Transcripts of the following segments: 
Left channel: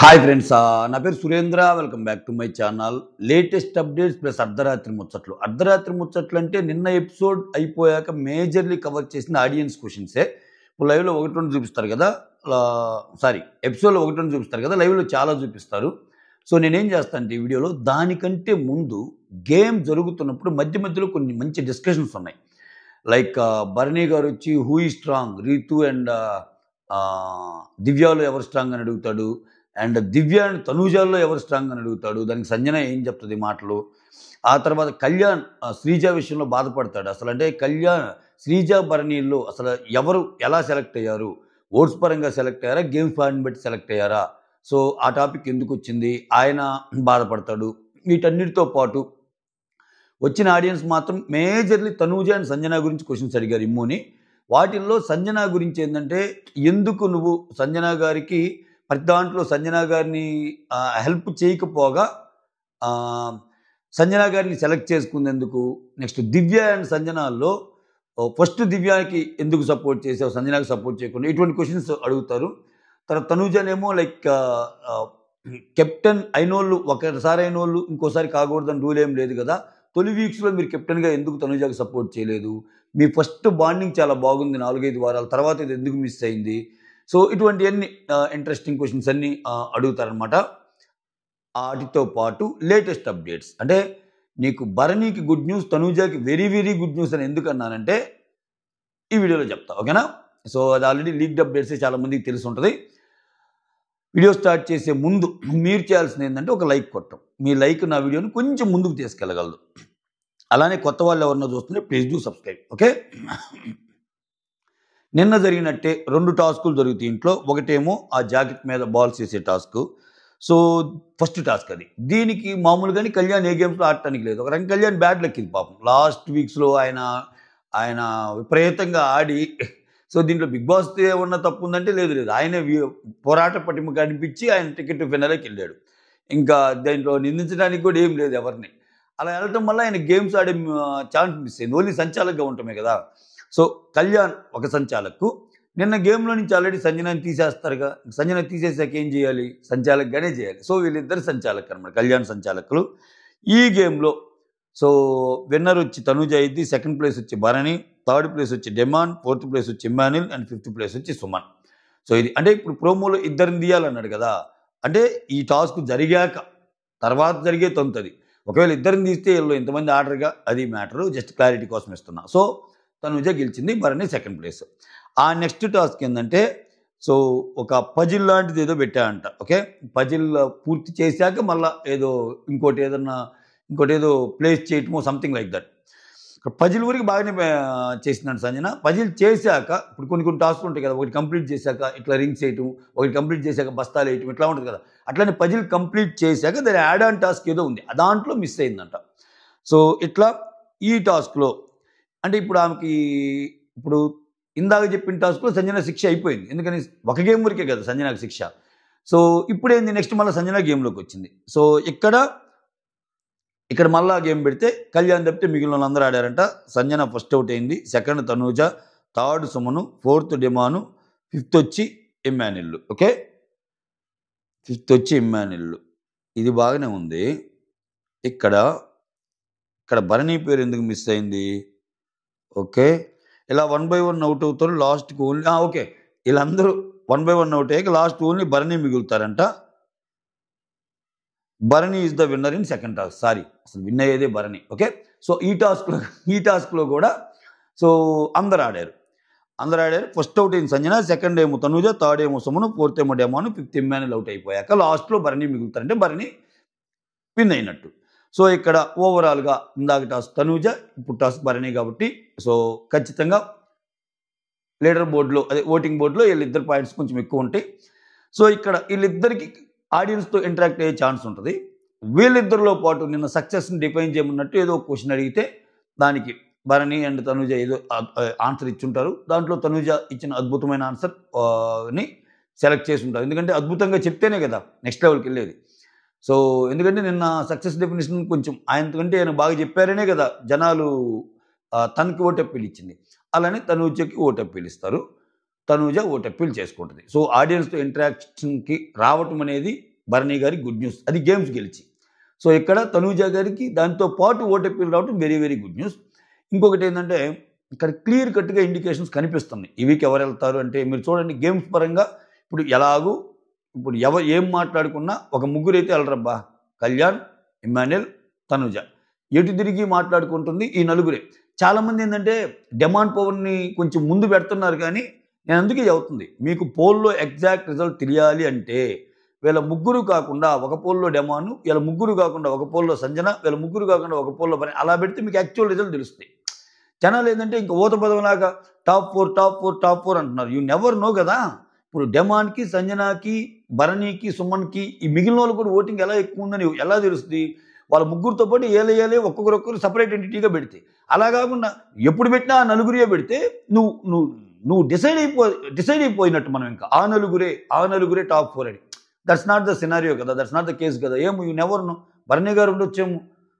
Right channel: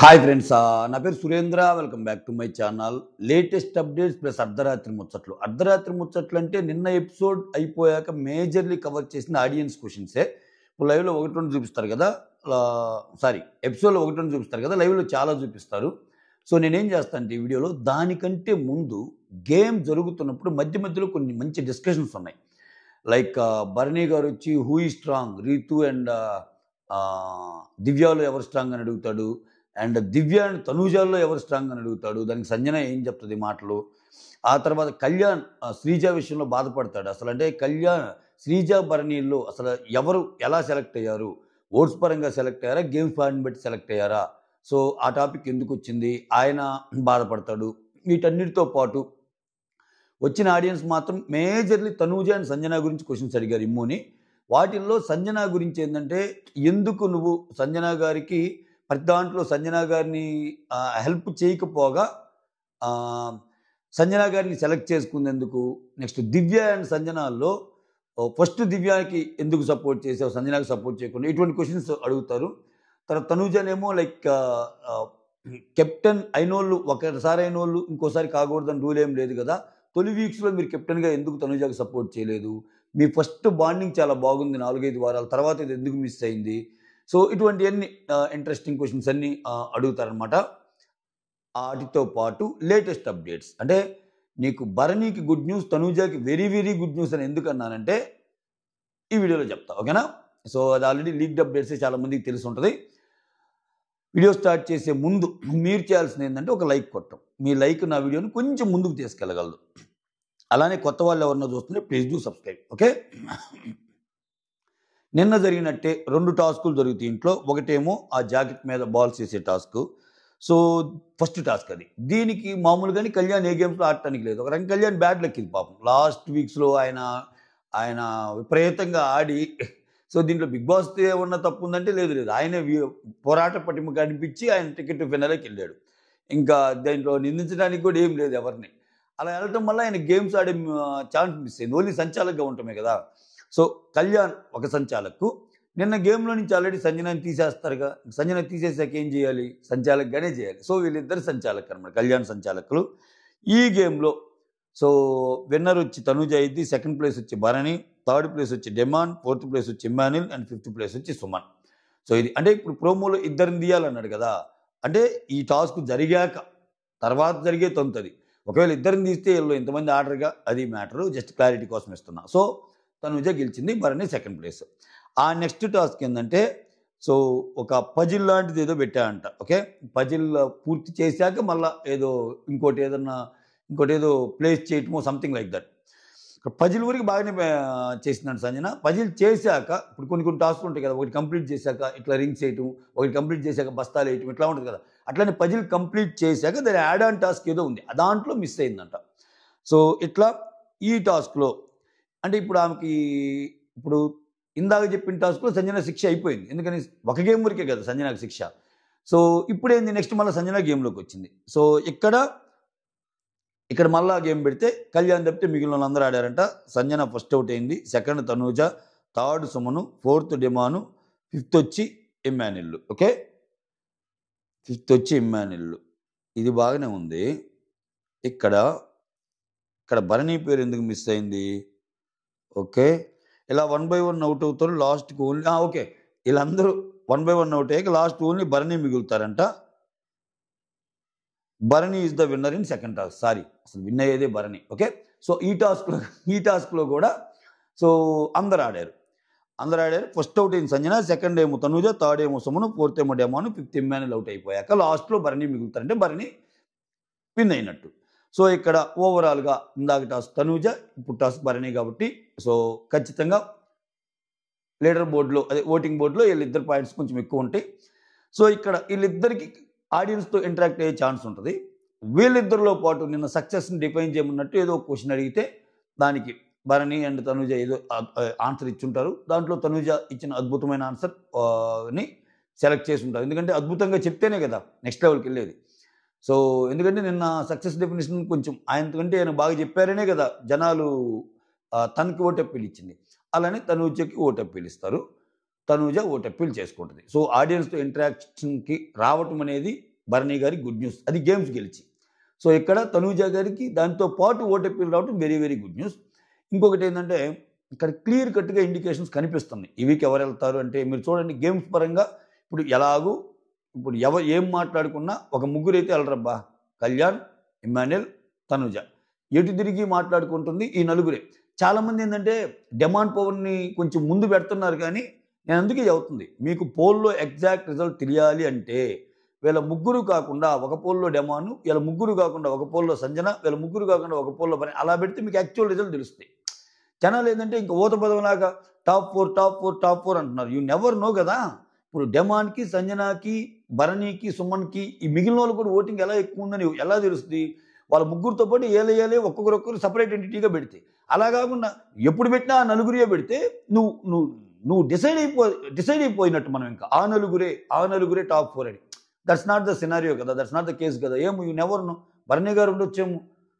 Hi friends, నా పేరు Surendra. Welcome back to my channel. Latest updates plus అర్ధరాత్రి ముచ్చట్లు. అర్ధరాత్రి ముచ్చట్లు అంటే నిన్న ఎపిసోడ్ అయిపోయాక మేజర్లీ కవర్ చేసిన ఆడియన్స్ క్వశ్చన్సే. ఇప్పుడు లైవ్లో ఒకటి రెండు చూపిస్తారు కదా, ఎపిసోడ్లో ఒకటి రెండు చూపిస్తారు కదా, లైవ్లో చాలా చూపిస్తారు. సో నేనేం చేస్తాను అంటే ఈ వీడియోలో దానికంటే ముందు గేమ్ జరుగుతున్నప్పుడు మధ్య మధ్యలో కొన్ని మంచి డిస్కషన్స్ ఉన్నాయి. లైక్ భరణి గారు వచ్చి who is strong, Ritu and దివ్యాలో ఎవరు స్ట్రాంగ్ అని అడుగుతాడు. అండ్ దివ్య అండ్ తనూజాల్లో ఎవరు స్ట్రాంగ్ అని అడుగుతాడు. దానికి సంజన ఏం చెప్తుంది మాటలు. ఆ తర్వాత కళ్యాణ్ శ్రీజ విషయంలో బాధపడతాడు. అసలు అంటే కళ్యాణ్ శ్రీజ భరణిల్లో అసలు ఎవరు ఎలా సెలెక్ట్ అయ్యారు, ఓట్స్ పరంగా సెలెక్ట్ అయ్యారా, గేమ్ ఫార్మ్ బట్టి సెలెక్ట్ అయ్యారా, సో ఆ టాపిక్ ఎందుకు వచ్చింది, ఆయన బాధపడతాడు. వీటన్నిటితో పాటు వచ్చిన ఆడియన్స్ మాత్రం మేజర్లీ తనూజ అండ్ సంజన గురించి క్వశ్చన్స్ అడిగారు ఇమ్ముని. వాటిల్లో సంజన గురించి ఏంటంటే, ఎందుకు నువ్వు సంజన గారికి ప్రతి దాంట్లో సంజన గారిని హెల్ప్ చేయకపోగా సంజన గారిని సెలెక్ట్ చేసుకునేందుకు, నెక్స్ట్ దివ్య అండ్ సంజనాల్లో ఫస్ట్ దివ్యాకి ఎందుకు సపోర్ట్ చేసావు, సంజనాకి సపోర్ట్ చేయకుండా, ఇటువంటి క్వశ్చన్స్ అడుగుతారు. తర్వాత తనూజనేమో లైక్ కెప్టెన్ అయినోళ్ళు ఒకసారి అయినోళ్ళు ఇంకోసారి కాకూడదని రూల్ ఏం లేదు కదా, తొలి వీక్స్లో మీరు కెప్టెన్గా ఎందుకు తనూజాకి సపోర్ట్ చేయలేదు, మీ ఫస్ట్ బాండింగ్ చాలా బాగుంది 4-5 వారాల తర్వాత ఇది ఎందుకు మిస్ అయింది. సో ఇటువంటివన్నీ ఇంట్రెస్టింగ్ క్వశ్చన్స్ అన్నీ అడుగుతారనమాట. వాటితో పాటు లేటెస్ట్ అప్డేట్స్ అంటే నీకు భరణికి గుడ్ న్యూస్, తనూజాకి వెరీ వెరీ గుడ్ న్యూస్ అని ఎందుకు అన్నానంటే ఈ వీడియోలో చెప్తా, ఓకేనా. సో అది ఆల్రెడీ లీక్డ్ అప్డేట్స్ చాలా మందికి తెలిసి ఉంటుంది. వీడియో స్టార్ట్ చేసే ముందు మీరు చేయాల్సింది ఏంటంటే ఒక లైక్ కొట్టడం. మీ లైక్ నా వీడియోని కొంచెం ముందుకు తీసుకెళ్ళగలదు. అలానే కొత్త వాళ్ళు ఎవరన్నా చూస్తుంటే ప్లీజ్ డూ సబ్స్క్రైబ్, ఓకే. నిన్న జరిగినట్టే 2 టాస్కులు జరుగుతాయి ఇంట్లో. ఒకటేమో ఆ జాకెట్ మీద బాల్స్ వేసే టాస్క్. సో ఫస్ట్ టాస్క్ అది. దీనికి మామూలుగానే కళ్యాణ్ ఏ గేమ్స్లో ఆడటానికి లేదు. ఒక రకంగా కళ్యాణ్ బ్యాడ్ లెక్కింది పాపం. లాస్ట్ వీక్స్లో ఆయన విపరీతంగా ఆడి, సో దీంట్లో బిగ్ బాస్ ఏమన్నా తప్పు ఉందంటే లేదు, ఆయన పోరాట పటిమ కనిపించి ఆయన టికెట్ ఫినాలేకి వెళ్ళాడు. ఇంకా దీంట్లో నిందించడానికి కూడా ఏం లేదు ఎవరిని. అలా వెళ్ళటం వల్ల ఆయన గేమ్స్ ఆడే ఛాన్స్ మిస్ అయింది. ఓన్లీ సంచాలకుగా ఉండటమే కదా. సో కళ్యాణ్ ఒక సంచాలకు. నిన్న గేమ్లో నుంచి ఆల్రెడీ సంజనాన్ని తీసేస్తారుగా, సంజన తీసేసాక ఏం చేయాలి, సంచాలకుగానే చేయాలి. సో వీళ్ళిద్దరు సంచాలకులు అనమాట, కళ్యాణ్ సంచాలకులు ఈ గేమ్లో. సో విన్నర్ వచ్చి తనూజ అయింది, సెకండ్ ప్లేస్ వచ్చి భరణి, థర్డ్ ప్లేస్ వచ్చి డెమాన్, ఫోర్త్ ప్లేస్ వచ్చి ఇమ్మాన్యుల్ అండ్ ఫిఫ్త్ ప్లేస్ వచ్చి సుమన్. సో ఇది అంటే ఇప్పుడు ప్రోమోలో ఇద్దరిని తీయాలన్నాడు కదా, అంటే ఈ టాస్క్ జరిగాక తర్వాత జరిగే తొంతది. ఒకవేళ ఇద్దరిని తీస్తే వీళ్ళు ఇంతమంది ఆర్డర్గా, అది మ్యాటరు, జస్ట్ క్లారిటీ కోసం ఇస్తున్నా. సో తనూజ గెలిచింది, భరణి సెకండ్ ప్లేస్. ఆ నెక్స్ట్ టాస్క్ ఏంటంటే, సో ఒక పజిల్ లాంటిది ఏదో పెట్టాడంట, ఓకే. పజిల్ పూర్తి చేశాక మళ్ళీ ఇంకోటి ఏదో ప్లేస్ చేయటమో సంథింగ్ లైక్ దట్. పజిల్ ఊరికి బాగానే చేసినాడు సంజన. పజిల్ చేశాక ఇప్పుడు కొన్ని టాస్క్లు ఉంటాయి కదా, ఒకటి కంప్లీట్ చేశాక ఇట్లా రింగ్స్ వేయటం, ఒకటి కంప్లీట్ చేశాక బస్తాలు వేయటం, ఇట్లా ఉంటుంది కదా. అట్లనే పజిల్ కంప్లీట్ చేశాక దాని యాడ్ ఆన్ టాస్క్ ఏదో ఉంది, దాంట్లో మిస్ అయిందంట. సో ఇట్లా ఈ టాస్క్లో అంటే ఇప్పుడు ఆమెకి ఇప్పుడు ఇందాక చెప్పిన టాస్క్లో సంజన శిక్ష అయిపోయింది. ఎందుకని ఒక గేమ్ వరకే కదా సంజనకు శిక్ష. సో ఇప్పుడు ఏంది, నెక్స్ట్ మళ్ళీ సంజన గేమ్లోకి వచ్చింది. సో ఇక్కడ మళ్ళా గేమ్ పెడితే కళ్యాణ్ తప్పితే మిగిలిన వాళ్ళందరూ ఆడారంట. సంజన ఫస్ట్ అవుట్ అయింది, second Tanuja, third Suman, fourth Demon, fifth వచ్చి ఇమ్మాన్యుల్, ఓకే. ఫిఫ్త్ వచ్చి ఇమ్మాన్యుల్. ఇది బాగానే ఉంది. ఇక్కడ భరణి పేరు ఎందుకు మిస్ అయింది, ఓకే. ఇలా 1 by 1 అవుట్ అవుతారు లాస్ట్కి ఓన్లీ, ఓకే. వీళ్ళందరూ 1 by 1 అవుట్ అయ్యాక లాస్ట్ ఓన్లీ భరణి మిగులుతారంట. Bharani is the winner in second task. అసలు విన్ అయ్యేదే భరణి, ఓకే. సో ఈ టాస్క్లో కూడా సో అందరు ఆడారు. ఫస్ట్ అవుట్ అయింది సంజన, సెకండ్ ఏమో తనూజ, థర్డ్ ఏమో సుమను, ఫోర్త్ ఏమో డెమాను, ఫిఫ్త్ ఇమ్మాన్యుల్ అవుట్ అయిపోయాక లాస్ట్లో భరణి మిగులుతారంటే భరణి విన్ అయినట్టు. సో ఇక్కడ ఓవరాల్గా ఇందాక టాస్క్ తనూజ, ఇప్పుడు టాస్క్ భరణి కాబట్టి సో ఖచ్చితంగా లీడర్ బోర్డులో, అదే ఓటింగ్ బోర్డులో వీళ్ళిద్దరు పాయింట్స్ కొంచెం ఎక్కువ ఉంటాయి. సో ఇక్కడ వీళ్ళిద్దరికి ఆడియన్స్తో ఇంటరాక్ట్ అయ్యే ఛాన్స్ ఉంటుంది. వీళ్ళిద్దరిలో పాటు నిన్న సక్సెస్ని డిఫైన్ చేయమన్నట్టు ఏదో క్వశ్చన్ అడిగితే దానికి భరణి అండ్ తనూజ ఏదో ఆన్సర్ ఇచ్చుంటారు. దాంట్లో తనూజ ఇచ్చిన అద్భుతమైన ఆన్సర్ని సెలెక్ట్ చేసి ఉంటారు. ఎందుకంటే అద్భుతంగా చెప్తేనే కదా నెక్స్ట్ లెవెల్కి వెళ్ళేది. సో ఎందుకంటే నిన్న సక్సెస్ డెఫినేషన్ కొంచెం ఆయనకంటే ఆయన బాగా చెప్పారనే కదా జనాలు తనకి ఓటు అప్పీల్ ఇచ్చింది. అలానే తనూజకి ఓటు అప్పీల్ ఇస్తారు. తనూజ ఓటు అప్పీల్ చేసుకుంటుంది. సో ఆడియన్స్తో ఇంటరాక్షన్కి రావటం అనేది భరణి గారి గుడ్ న్యూస్, అది గేమ్స్ గెలిచి. సో ఇక్కడ తనూజ గారికి దాంతో పాటు ఓటు అప్పీల్ రావటం వెరీ వెరీ గుడ్ న్యూస్. ఇంకొకటి ఏంటంటే ఇక్కడ క్లియర్ కట్గా ఇండికేషన్స్ కనిపిస్తున్నాయి ఈ వీక్ ఎవరు వెళ్తారు అంటే. మీరు చూడండి గేమ్స్ పరంగా ఇప్పుడు ఎలాగూ ఇప్పుడు ఏం మాట్లాడుకున్నా ఒక ముగ్గురు అయితే వెళ్ళరబ్బా, కళ్యాణ్, ఇమ్మాన్యుయల్, తనూజ. ఎటు తిరిగి మాట్లాడుకుంటుంది ఈ నలుగురే. చాలామంది ఏంటంటే డిమాండ్ పవర్ని కొంచెం ముందు పెడుతున్నారు, కానీ నేను అందుకే చెబుతుంది మీకు పోల్లో ఎగ్జాక్ట్ రిజల్ట్ తెలియాలి అంటే వీళ్ళ ముగ్గురు కాకుండా ఒక పోల్లో డెమాను, వీళ్ళ ముగ్గురు కాకుండా ఒక పోల్లో సంజన, వీళ్ళ ముగ్గురు కాకుండా ఒక పోల్లో పని, అలా పెడితే మీకు యాక్చువల్ రిజల్ట్ తెలుస్తాయి. జనాలు ఏంటంటే ఇంకా ఊత పదవిలాగా టాప్ 4 టాప్ 4 టాప్ 4 అంటున్నారు. యూ నెవర్ నో కదా. ఇప్పుడు డెమాన్కి, సంజనాకి, భరణికి, సుమన్కి ఈ మిగిలిన వాళ్ళు కూడా ఓటింగ్ ఎలా ఎక్కువ ఉందని ఎలా తెలుస్తుంది? వాళ్ళ ముగ్గురితో పాటు ఏలే ఒక్కొక్కరు సపరేట్ ఎంటిటీగా పెడితే, అలా కాకుండా ఎప్పుడు పెట్టినా ఆ నలుగురే పెడితే నువ్వు నువ్వు నువ్వు డిసైడ్ అయిపోయినట్టు మనం ఇంకా ఆ నలుగురే టాప్ 4 అని. దట్స్ నాట్ ద సినారియో కదా, దట్స్ నాట్ ద కేసు కదా. ఏమో you never no, Bharani garu ఉండొచ్చేమో,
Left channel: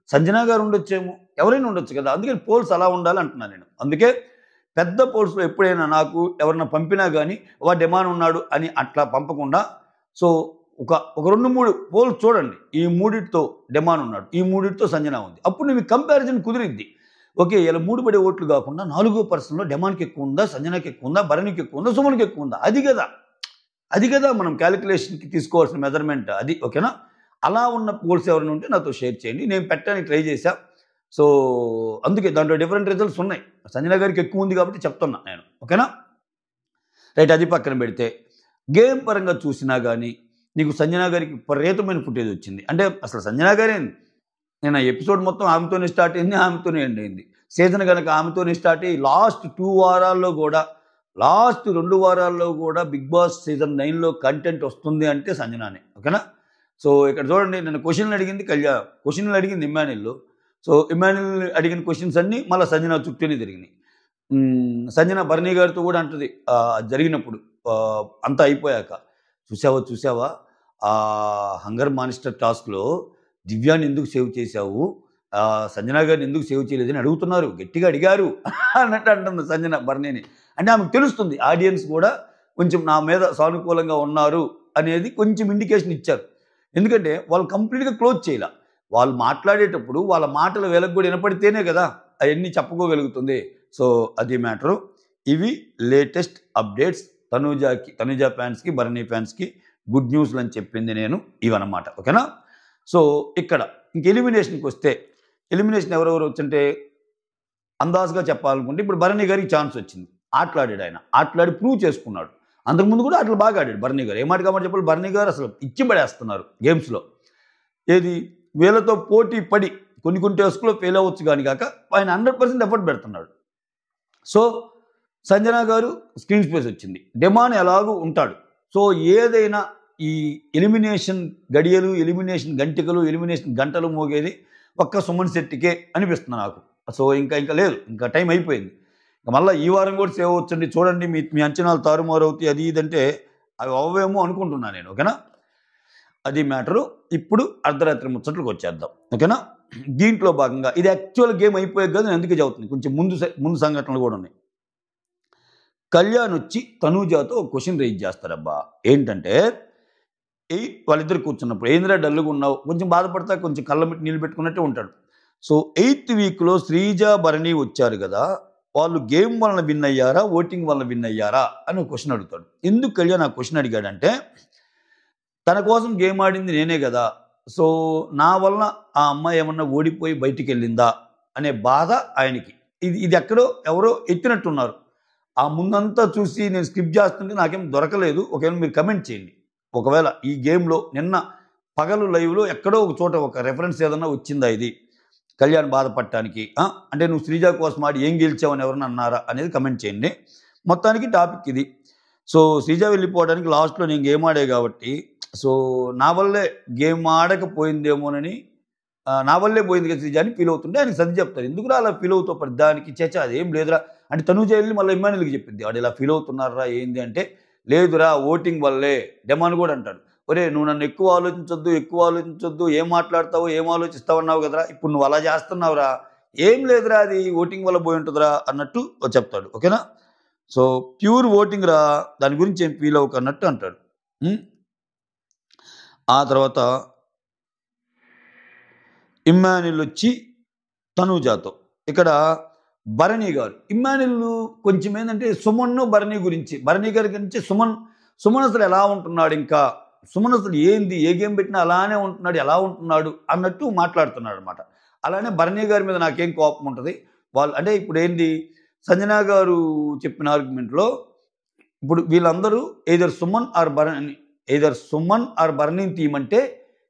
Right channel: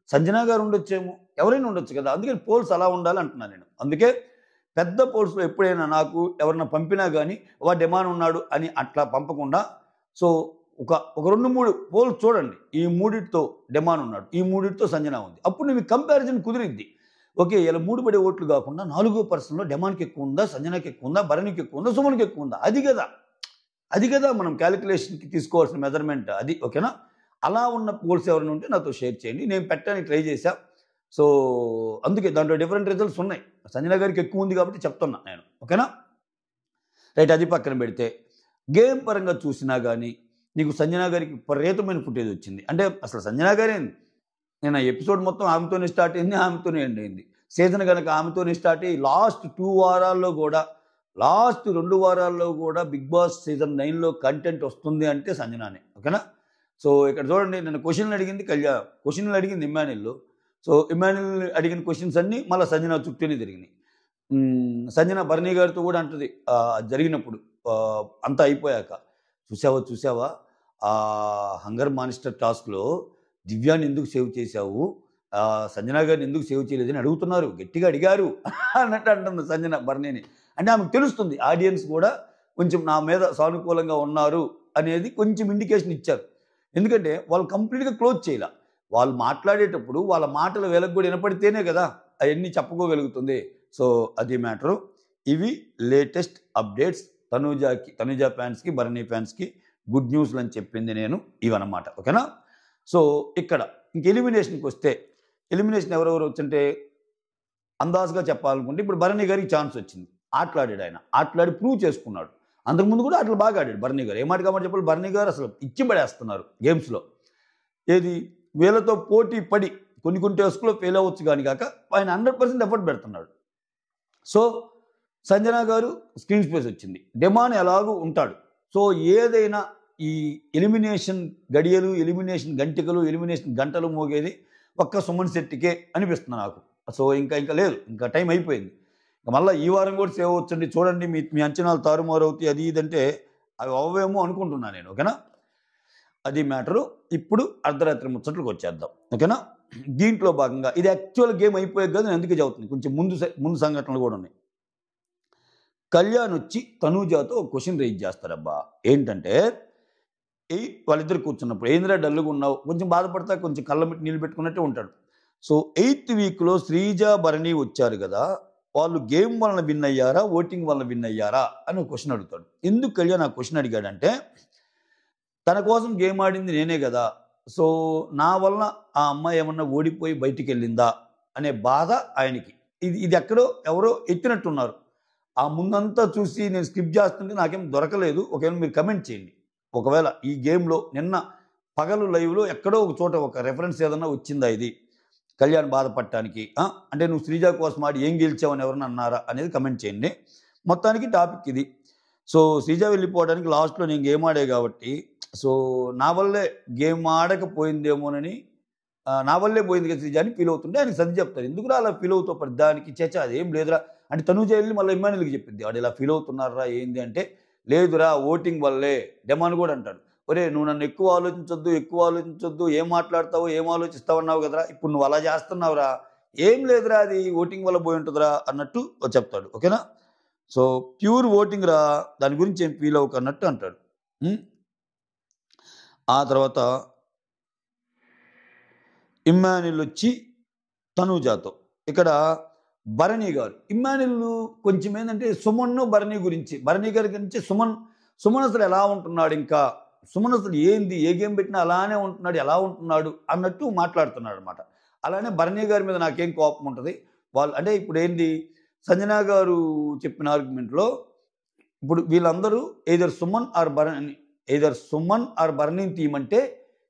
సంజనా గారు ఉండొచ్చేమో, ఎవరైనా ఉండొచ్చు కదా. అందుకని పోల్స్ అలా ఉండాలి అంటున్నాను నేను. అందుకే పెద్ద పోల్స్లో ఎప్పుడైనా నాకు ఎవరన్నా పంపినా కానీ వా డిమాండ్ ఉన్నాడు అని అట్లా పంపకుండా, సో ఒక 2-3 పోల్స్ చూడండి, ఈ మూడిటితో డిమాండ్ ఉన్నాడు, ఈ మూడిటితో సంజన ఉంది, అప్పుడు మీకు కంపారిజన్ కుదిరిద్ది. ఓకే ఇలా 3 పడే ఓట్లు కాకుండా 4వ పర్సన్లో డిమాండ్కి ఎక్కువ ఉందా, సంజనాకి ఎక్కువ ఉందా, భరణికి ఎక్కువ ఉందా, సుమన్కి ఎక్కువ ఉందా, అది కదా మనం క్యాలిక్యులేషన్కి తీసుకోవాల్సిన మెజర్మెంట్ అది. ఓకేనా? అలా ఉన్న పోల్స్ ఎవరైనా ఉంటే నాతో షేర్ చేయండి, నేను పెట్టడానికి ట్రై చేశా. సో అందుకే దాంట్లో డిఫరెంట్ రిజల్ట్స్ ఉన్నాయి. సంజన గారికి ఎక్కువ ఉంది కాబట్టి చెప్తున్నా నేను. ఓకేనా? రైట్, అది పక్కన పెడితే గేమ్ పరంగా చూసినా కానీ నీకు సంజన గారికి విపరీతమైన ఫుటేజ్ వచ్చింది. అంటే అసలు సంజన గారే, నేను ఆ ఎపిసోడ్ మొత్తం ఆమెతోనే స్టార్ట్ అయింది, ఆమెతోనే ఎండ్ అయింది. సీజన్ కనుక ఆమెతోనే స్టార్ట్ అయ్యి లాస్ట్ 2 వారాల్లో కూడా, లాస్ట్ 2 వారాల్లో కూడా బిగ్ బాస్ సీజన్ 9లో కంటెంట్ వస్తుంది అంటే సంజనానే. ఓకేనా? సో ఇక్కడ చూడండి, నేను క్వశ్చన్లు అడిగింది క్వశ్చన్లు అడిగింది ఇమ్మాన్యుయల్. సో ఇమ్మాన్యుయల్ అడిగిన క్వశ్చన్స్ అన్నీ మళ్ళీ సంజన చుట్టూనే తిరిగినాయి. సంజన భరణి గారితో కూడా అంటది జరిగినప్పుడు అంతా అయిపోయాక, చూసావా హంగర్ మానిస్టర్ టాస్క్లో దివ్యాన్ని ఎందుకు సేవ్ చేశావు, సంజన గారిని ఎందుకు సేవ్ చేయలేదని అడుగుతున్నారు, గట్టిగా అడిగారు అన్నట్టు అంటుంది సంజన భరణిని. అంటే ఆమెకు తెలుస్తుంది ఆడియన్స్ కూడా కొంచెం నా మీద సానుకూలంగా ఉన్నారు అనేది కొంచెం ఇండికేషన్ ఇచ్చారు. ఎందుకంటే వాళ్ళు కంప్లీట్గా క్లోజ్ చేయాల, వాళ్ళు మాట్లాడేటప్పుడు వాళ్ళ మాటలు వీళ్ళకి కూడా వినపడితేనే కదా అవన్నీ చెప్పుకోగలుగుతుంది. సో అది మ్యాటరు. ఇవి లేటెస్ట్ అప్డేట్స్ తనూజ ఫ్యాన్స్కి, భరణి ఫ్యాన్స్కి గుడ్ న్యూస్లు అని చెప్పింది నేను ఇవన్నమాట. ఓకేనా? సో ఇక్కడ ఇంక ఎలిమినేషన్కి వస్తే, ఎలిమినేషన్ ఎవరెవరు వచ్చంటే అందాజుగా చెప్పాలనుకుంటే ఇప్పుడు భరణి గారికి ఛాన్స్ వచ్చింది, ఆటలాడి ప్రూవ్ చేసుకున్నాడు. అంతకుముందు కూడా అట్లా బాగా ఆడాడు భరణి గారు. ఏమాట కాబట్టి చెప్పాలి, భరణి గారు అసలు ఇచ్చి పడేస్తున్నారు గేమ్స్లో. ఏది వీళ్ళతో పోటీ పడి కొన్ని టాస్క్లో ఫెయిల్ అవ్వచ్చు కానీ కాక ఆయన 100% ఎఫర్ట్ పెడుతున్నాడు. సో సంజన గారు స్క్రీన్ స్పేస్ వచ్చింది, డిమాండ్ ఎలాగూ ఉంటాడు. సో ఏదైనా ఈ ఎలిమినేషన్ గడియలు, ఎలిమినేషన్ గంటికలు, ఎలిమినేషన్ గంటలు మోగేది ఒక్క సుమన్ శెట్టికే అనిపిస్తుంది నాకు. సో ఇంకా లేదు, ఇంకా టైం అయిపోయింది. మళ్ళీ ఈ వారం కూడా సేవ్ అవచ్చండి. చూడండి మీ అంచనాలు తారుమారు అవుతాయి, అది ఇదంటే అవి అవ్వేమో అనుకుంటున్నాను నేను. ఓకేనా? అది మ్యాటరు. ఇప్పుడు అర్ధరాత్రి ముచ్చట్లకు వచ్చేద్దాం. ఓకేనా? దీంట్లో భాగంగా ఇది యాక్చువల్ గేమ్ అయిపోయాక కదా, నేను అందుకే చదువుతుంది, కొంచెం ముందు సంఘటనలు కూడా ఉన్నాయి. కళ్యాణ్ వచ్చి తనూజాతో ఒక క్వశ్చన్ రైజ్ చేస్తారబ్బా. ఏంటంటే వాళ్ళిద్దరు కూర్చున్నప్పుడు, ఏంద్రా డల్లుగా ఉన్నావు, కొంచెం బాధపడతా, కొంచెం కళ్ళ పెట్టి నీళ్ళు పెట్టుకున్నట్టే ఉంటాడు. సో 8th వీక్లో శ్రీజ, భరణి వచ్చారు కదా, వాళ్ళు గేమ్ వలన విన్ అయ్యారా, ఓటింగ్ వలన విన్ అయ్యారా అని ఒక క్వశ్చన్ అడుగుతాడు. ఎందుకు కళ్యాణ్ ఆ క్వశ్చన్ అడిగాడంటే, తన కోసం గేమ్ ఆడింది నేనే కదా, సో నా వలన ఆ అమ్మాయి ఏమన్నా ఓడిపోయి బయటికి వెళ్ళిందా అనే బాధ ఆయనకి. ఇది ఎక్కడో ఎవరో ఎత్తినట్టున్నారు. ఆ ముందంతా చూసి నేను స్కిప్ చేస్తుంటే నాకేం దొరకలేదు. ఒకవేళ మీరు కమెంట్ చేయండి, ఒకవేళ ఈ గేమ్లో నిన్న పగలు లైవ్లో ఎక్కడో ఒక చోట ఒక రెఫరెన్స్ ఏదన్నా వచ్చిందా ఇది కళ్యాణ్ బాధపడటానికి, అంటే నువ్వు శ్రీజ కోసం ఆడి ఏం గెలిచావని ఎవరన్నా అన్నారా అనేది కమెంట్ చేయండి. మొత్తానికి టాపిక్ ఇది. సో శ్రీజ వెళ్ళిపోవడానికి లాస్ట్లో నేను గేమ్ ఆడే కాబట్టి, సో నా వల్లే గేమ్ ఆడకపోయిందేమోనని, నా వల్లే పోయింది కదా శ్రీజ అని ఫీల్ అవుతుంటే ఆయనకి సర్ది చెప్తారు. ఎందుకురా అలా ఫీల్ అవుతావు పడి దానికి, చేచా అదేం లేదురా అంటే తనూజ వెళ్ళి మళ్ళీ ఇమ్మాన్యుయల్కి చెప్పింది, వాడు ఇలా ఫీల్ అవుతున్నారా ఏంది అంటే, లేదురా ఓటింగ్ వల్లే. డెమాన్ కూడా అంటాడు, ఒరే నువ్వు నన్ను ఎక్కువ ఆలోచించొద్దు, ఏం మాట్లాడతావో ఏం ఆలోచిస్తావు అన్నావు కదరా, ఇప్పుడు నువ్వు అలా చేస్తున్నావురా, ఏం లేదురా అది ఓటింగ్ వల్ల పోయి ఉంటుందిరా అన్నట్టు చెప్తాడు. ఓకేనా? సో ప్యూర్ ఓటింగ్ రా, దాని గురించి ఏం ఫీల్ అవ్వకన్నట్టు అంటాడు. ఆ తర్వాత ఇమ్మాన్యుల్ వచ్చి తనూజాతో, ఇక్కడ భరణి గారు ఇమ్మాన్యుల్ కొంచెం ఏంటంటే సుమన్ భరణి గురించి, భరణి గారి గురించి సుమన్ అసలు ఎలా ఉంటున్నాడు, ఇంకా సుమన్ అసలు ఏంది, ఏ గేమ్ పెట్టినా అలానే ఉంటున్నాడు, ఎలా ఉంటున్నాడు అన్నట్టు మాట్లాడుతున్నాడు అనమాట. అలానే భరణి గారి మీద నాకేం కోపం ఉంటుంది, వాళ్ళు అంటే ఇప్పుడు ఏంది సంజన గారు చెప్పిన ఆర్గ్యుమెంట్లో ఇప్పుడు వీళ్ళందరూ ఎయిదర్ సుమన్ ఆర్ భరణిని తీయమంటే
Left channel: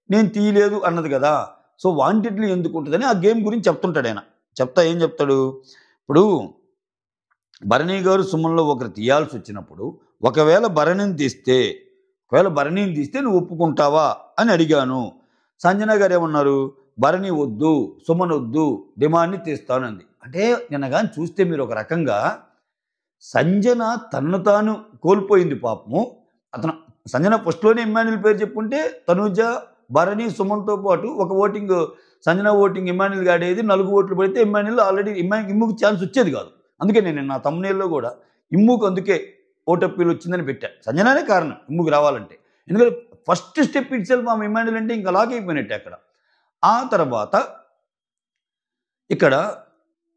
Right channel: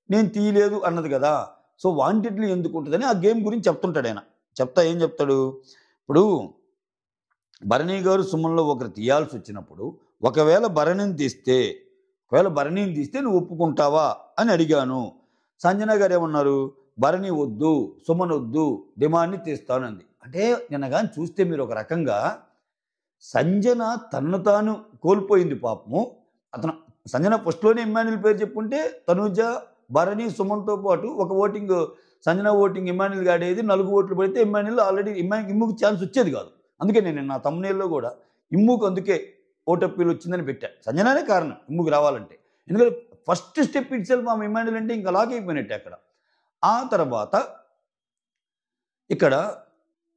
నేను తీయలేదు అన్నది కదా. సో వాంటెడ్లీ ఎందుకు ఉంటుందని ఆ గేమ్ గురించి చెప్తుంటాడు ఆయన. ఏం చెప్తాడు, ఇప్పుడు భరణి గారు సుమన్లో ఒకరు తీయాల్సి వచ్చినప్పుడు ఒకవేళ భరణిని తీస్తే నువ్వు ఒప్పుకుంటావా అని అడిగాను. సంజన గారు ఏమన్నారు, భరణి వద్దు, సుమన్ వద్దు, డిమాండ్ని తీస్తానంది. అంటే నిన్న కానీ చూస్తే మీరు ఒక రకంగా సంజన తనను తాను కోల్పోయింది పాపము. సంజన ఫస్ట్లోనే ఇమ్మాన్యుల్ పేరు చెప్పుకుంటే తనూజ, భరణి, సుమన్తో పాటు ఒక ఓటింగ్ సంజన ఓటింగ్ ఇమ్మాన్యుల్ గాడేది 4 ఓట్లు పడితే ఇమ్మాన్యుల్ ఆల్రెడీ ఇమ్ముకి ఛాన్స్ వచ్చేది కాదు. అందుకే నేను నా తమ్మునేల్లో కూడా ఇమ్ముకు అందుకే ఓటప్పీలు వచ్చిందని పెట్టా. సంజనానే కారణం ఇమ్ముకి రావాలంటే, ఎందుకంటే ఫస్ట్ స్టెప్ ఇట్ సెల్ఫ్ ఆమె ఇమ్మాన్యుల్ అంటే ఇంకా అలాగే అయిపోయినట్టే అక్కడ. ఆ తర్వాత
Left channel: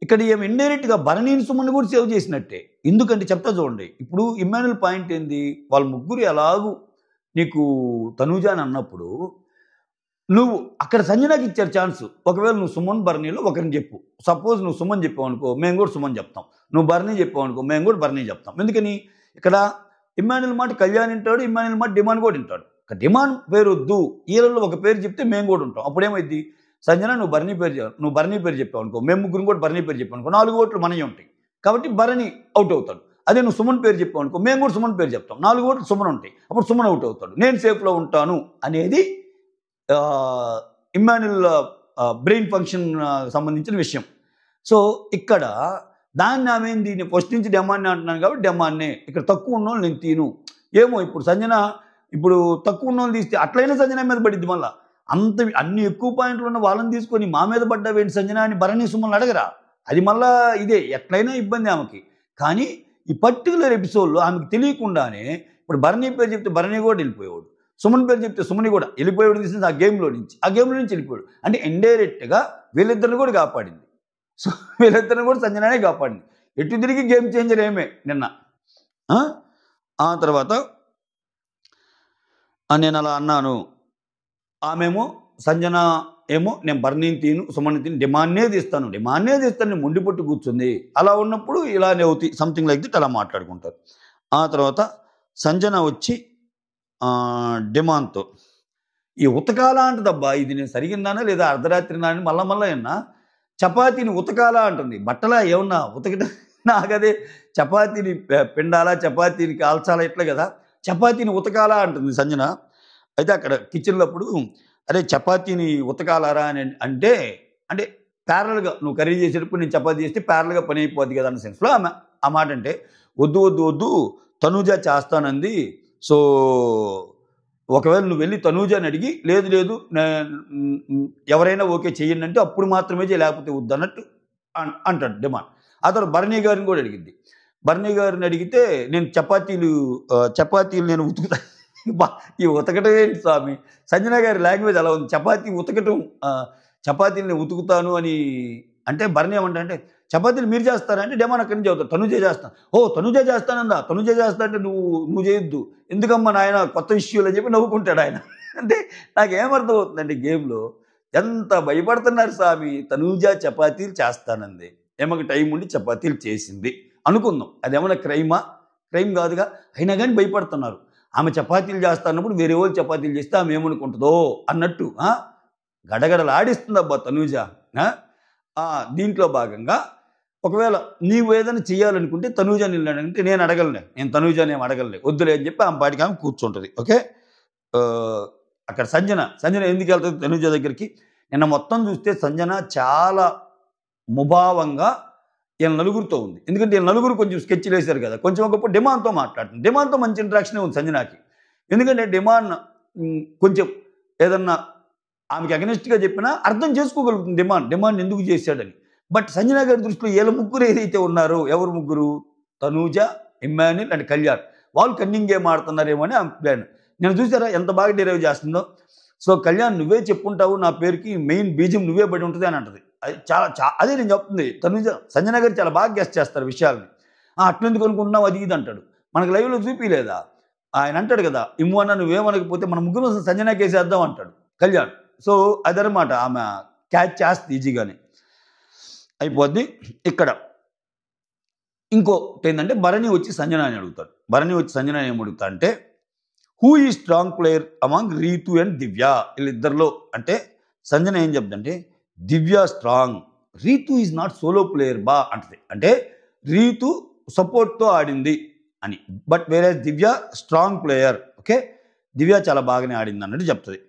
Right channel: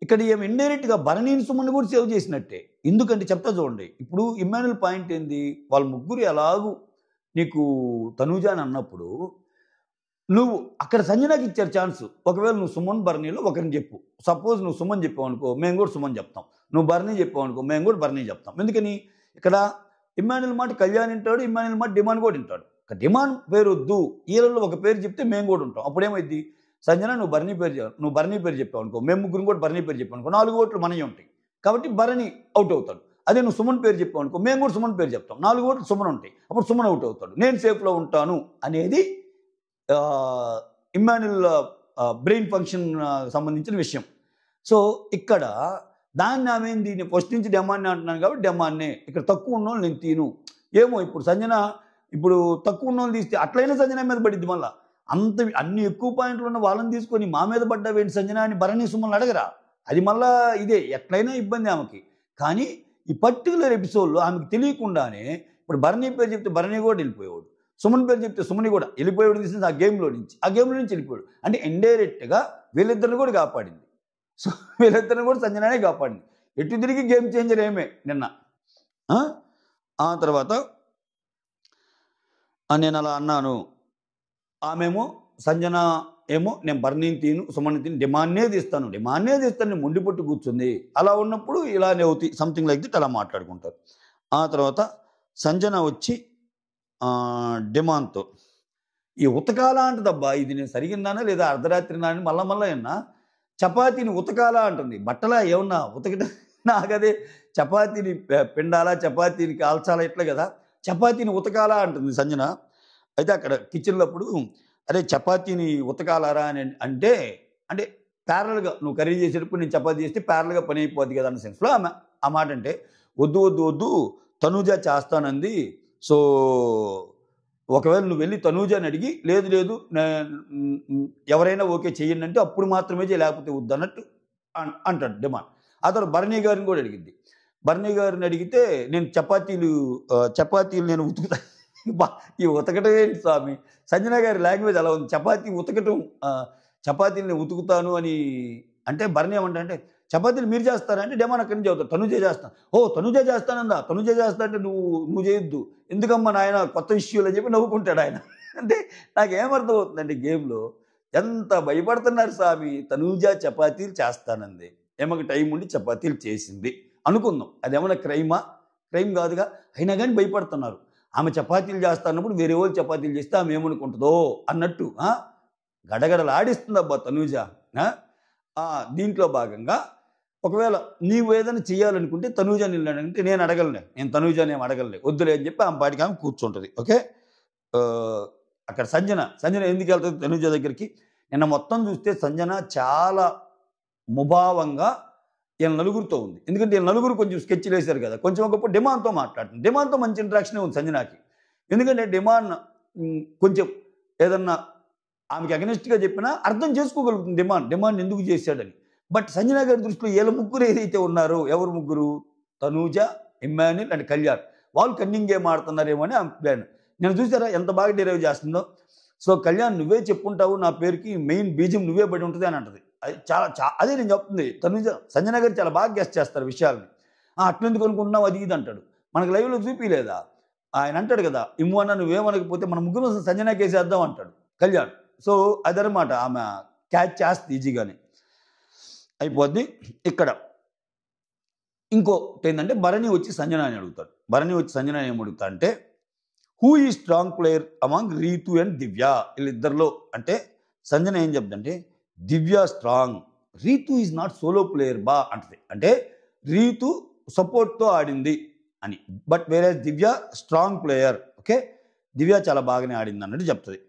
ఇక్కడ ఏమి ఇండైరెక్ట్గా భరణిని సుమన్ కూడా సేవ్ చేసినట్టే. ఎందుకంటే చెప్తా చూడండి, ఇప్పుడు ఇమ్మాన్యుల్ పాయింట్ ఏంది, వాళ్ళ ముగ్గురు ఎలాగూ నీకు తనూజ అని అన్నప్పుడు నువ్వు అక్కడ సంజనాకి ఇచ్చారు ఛాన్స్. ఒకవేళ నువ్వు సుమన్ భరణిలో ఒకరిని చెప్పు, సపోజ్ నువ్వు సుమన్ చెప్పావు అనుకో, మేము కూడా సుమన్ చెప్తాం. నువ్వు భరణి చెప్పావు అనుకో, మేము కూడా భరణి చెప్తాం. ఎందుకని ఇక్కడ ఇమ్మాన్యుల్ మాట కళ్యాణ్ వింటాడు, ఇమ్మాన్యుల్ మాట డిమాండ్ కూడా వింటాడు. డిమాండ్ పేరు వద్దు, ఈలలో ఒక పేరు చెప్తే మేము కూడా ఉంటాం. అప్పుడేమైంది, సంజన నువ్వు భరణి పేరు చెప్పావు అనుకో, మేము ముగ్గురు కూడా భరణి పేరు చెప్పావు అనుకో, 4 ఓట్లు మనవి ఉంటాయి కాబట్టి భరణి అవుట్ అవుతాడు. అదే నువ్వు సుమన్ పేరు చెప్పావు అనుకో, మేము కూడా సుమన్ పేరు చెప్తాం, 4 ఓట్లు సుమన్ ఉంటాయి, అప్పుడు సుమన్ అవుట్ అవుతాడు, నేను సేఫ్లో ఉంటాను అనేది ఇమ్మాన్యుల్ బ్రెయిన్ ఫంక్షన్ సంబంధించిన విషయం. సో ఇక్కడ దాన్ని ఆమెంది, నేను ఫస్ట్ నుంచి డిమాండ్ అంటున్నాను కాబట్టి డిమాండ్నే, ఇక్కడ తక్కువ ఉన్నోళ్ళు నేను తీను. ఏమో ఇప్పుడు సంజన ఇప్పుడు తక్కువ ఉన్నోళ్ళు తీస్తే అట్లయినా సంజన మీద పడిద్ది. మళ్ళీ అన్ని ఎక్కువ పాయింట్లు ఉన్న వాళ్ళని తీసుకొని మా మీద పడ్డావేంటి సంజన అని భరణి సుమన్ అడగరా, అది మళ్ళా ఇదే ఎట్లయినా ఇబ్బంది ఆమెకి. కానీ ఈ పర్టికులర్ ఎపిసోడ్లో ఆమెకు తెలియకుండానే ఇప్పుడు భరణి పేరు చెప్తే భరణి కూడా వెళ్ళిపోయేవాడు, సుమన్ పేరు చెప్తే సుమని కూడా వెళ్ళిపోయాడు, తీసింది ఆ గేమ్లో నుంచి వెళ్ళిపోయాడు. అంటే ఇండైరెక్ట్గా వీళ్ళిద్దరిని కూడా కాపాడింది. సో వీళ్ళిద్దరిని కూడా సంజననే కాపాడింది. ఎటు తిరిగి గేమ్ చేంజర్ ఏమే నిన్న. ఆ తర్వాత నేను అలా అన్నాను, ఆమెమో సంజన ఏమో నేను భరణిని తీను, సుమన్ తీను, డిమాండ్నే తీస్తాను మొండి పట్టు కూర్చుంది. అలా ఉన్నప్పుడు ఇలానే అవుతాయి, సంథింగ్ లైక్ దిట్ అలా మాట్లాడుకుంటారు. ఆ తర్వాత సంజన వచ్చి డిమాండ్తో ఈ ఉతకాల అంటదబ్బా, ఇది నేను సరిగిన్నానా లేదా అర్ధరాత్రి నాని మళ్ళా అన్నా చపాతీని ఉతకాల అంటుంది. బట్టలా ఏమన్నా ఉతకట, నాకదే చపాతీని పిండాలా, చపాతీని కాల్చాలా, ఇట్లా కదా, చపాతీని ఉతకాలా అంటుంది సంజన. అయితే అక్కడ కిచెన్లో అప్పుడు అరే చపాతీని ఉతకాలరా అని అంటే ప్యారల్గా నువ్వు కర్రీ చేసేటప్పుడు నేను చపాతీ చేస్తే ప్యారల్గా పని అయిపోద్ది కదా అన్న సెన్స్లో ఆమె ఆ మాట అంటే, వద్దు తనూజ చేస్తానంది. సో ఒకవేళ నువ్వు వెళ్ళి తనూజని అడిగి లేదు ఎవరైనా ఓకే చెయ్యండి అంటే అప్పుడు మాత్రమే చేయి, లేకపోతే వద్దు అన్నట్టు అంటాడు డిమాండ్. ఆ తర్వాత భరణి గారిని కూడా అడిగింది. భరణి గారిని అడిగితే నేను చపాతీలు నేను ఉతుకుతా. ఈ ఉతకటం ఏంటి స్వామి, సంజన గారి లాంగ్వేజ్ అలా ఉంది, చపాతీ ఉతకటం, చపాతీని ఉతుకుతాను అని అంటే భరణి ఏమంటే చపాతీలు మీరు చేస్తారా అంటే డిమాండ్ అక్కడి నుంచి అవుతారు, తనుజే చేస్తాను. తనుజే చేస్తానందా, తనుజే చేస్తా అంటే నువ్వు చేయొద్దు, ఎందుకమ్మా నాయన కొత్త ఇష్యూలు అని చెప్పి నవ్వుకుంటాడు ఆయన. అంటే నాకేమర్థం అవుతుందండి, గేమ్లో ఎంత భయపడుతున్నారు స్వామి. తనూజ చపాతీలు చేస్తానంది, ఏమకు టైం ఉండి చపాతీలు చేసింది అనుకుందాం, అదేమన్నా క్రైమ్ కాదుగా, అయినా కానీ భయపడుతున్నారు. ఆమె చపాతీలు చేస్తున్నప్పుడు వేరే వాళ్ళు చపాతీలు చేస్తే ఆమె ఏమనుకుంటుందో అన్నట్టు గడగడలాడిస్తుంది అబ్బా తనూజ. దీంట్లో భాగంగా ఒకవేళ నీవు ఏదైనా చేయాలనుకుంటే తనూజ నిలడంటే నేను తనూజని ఏం అడగలే, వద్దులే అని చెప్పి ఆమె పాటికి ఆమె కూర్చుంటుంది. ఓకే, అక్కడ సంజన ఎందుకు వెళ్తుంది తనూజ దగ్గరికి, నిన్న మొత్తం చూస్తే సంజన చాలా ముభావంగా వీళ్ళ నలుగురితో ఉంది. ఎందుకంటే వీళ్ళ నలుగురు కొంచెం స్కెచ్లు వేశారు కదా, కొంచెం ఒకప్పుడు డిమాండ్తో మాట్లాడుతుంది. డిమాండ్తో మంచి ఇంటరాక్షనే ఉంది సంజనాకి. ఎందుకంటే డిమాండ్ కొంచెం ఏదన్నా ఆమెకి అగెనిస్ట్గా చెప్పినా అర్థం చేసుకోగలుగుతుంది డిమాండ్ ఎందుకు చేశాడని. బట్ సంజన గారి దృష్టిలో వీళ్ళ ముగ్గురు ఏదైతే ఉన్నారో, ఎవరు ముగ్గురు, తనూజ, ఇమ్మాన్యుల్ అండ్ కళ్యాణ్ వాళ్ళు కన్నింగ్ గేమ్ ఆడుతున్నారేమో అని ప్లాన్. నేను చూసారా ఎంత బాగా డెరైవ్ చేస్తుందో. సో కళ్యాణ్ నువ్వే చెప్పుంటావు, నా పేరుకి మెయిన్ బీజం నువ్వే పడి ఉంటుంది అని అంటది. అది అదే నేను చెప్తుంది. తనుజ సంజన గారు చాలా బాగా గెస్ట్ చేస్తారు విషయాల్ని. అట్లెందుకు అనుకుంటున్నావు అది ఇది అంటాడు. మనకు లైవ్లో చూపిలేదా ఆయన అంటాడు కదా, ఇమ్మన్నా నువ్వేమనకపోతే మన ముగ్గురు సంజన కేసేద్దాం అంటాడు కళ్యాణ్. సో అదనమాట ఆమె క్యాచ్ చేస్తుంది ఈజీగానే అయిపోద్ది. ఇక్కడ ఇంకోటి ఏంటంటే భరణి వచ్చి సంజన అని అడుగుతాడు. భరణి వచ్చి సంజన ఏం అడుగుతా అంటే who is strong player among Ritu and Divya, వీళ్ళిద్దరిలో అంటే సంజన ఏం చెప్తుందంటే Divya strong, Ritu is not solo player బా అంటది. అంటే రీతు సపోర్ట్తో ఆడింది అని, బట్ వేరే Divya strong player. Okay, Divya చాలా బాగానే ఆడింది అన్నట్టు చెప్తుంది.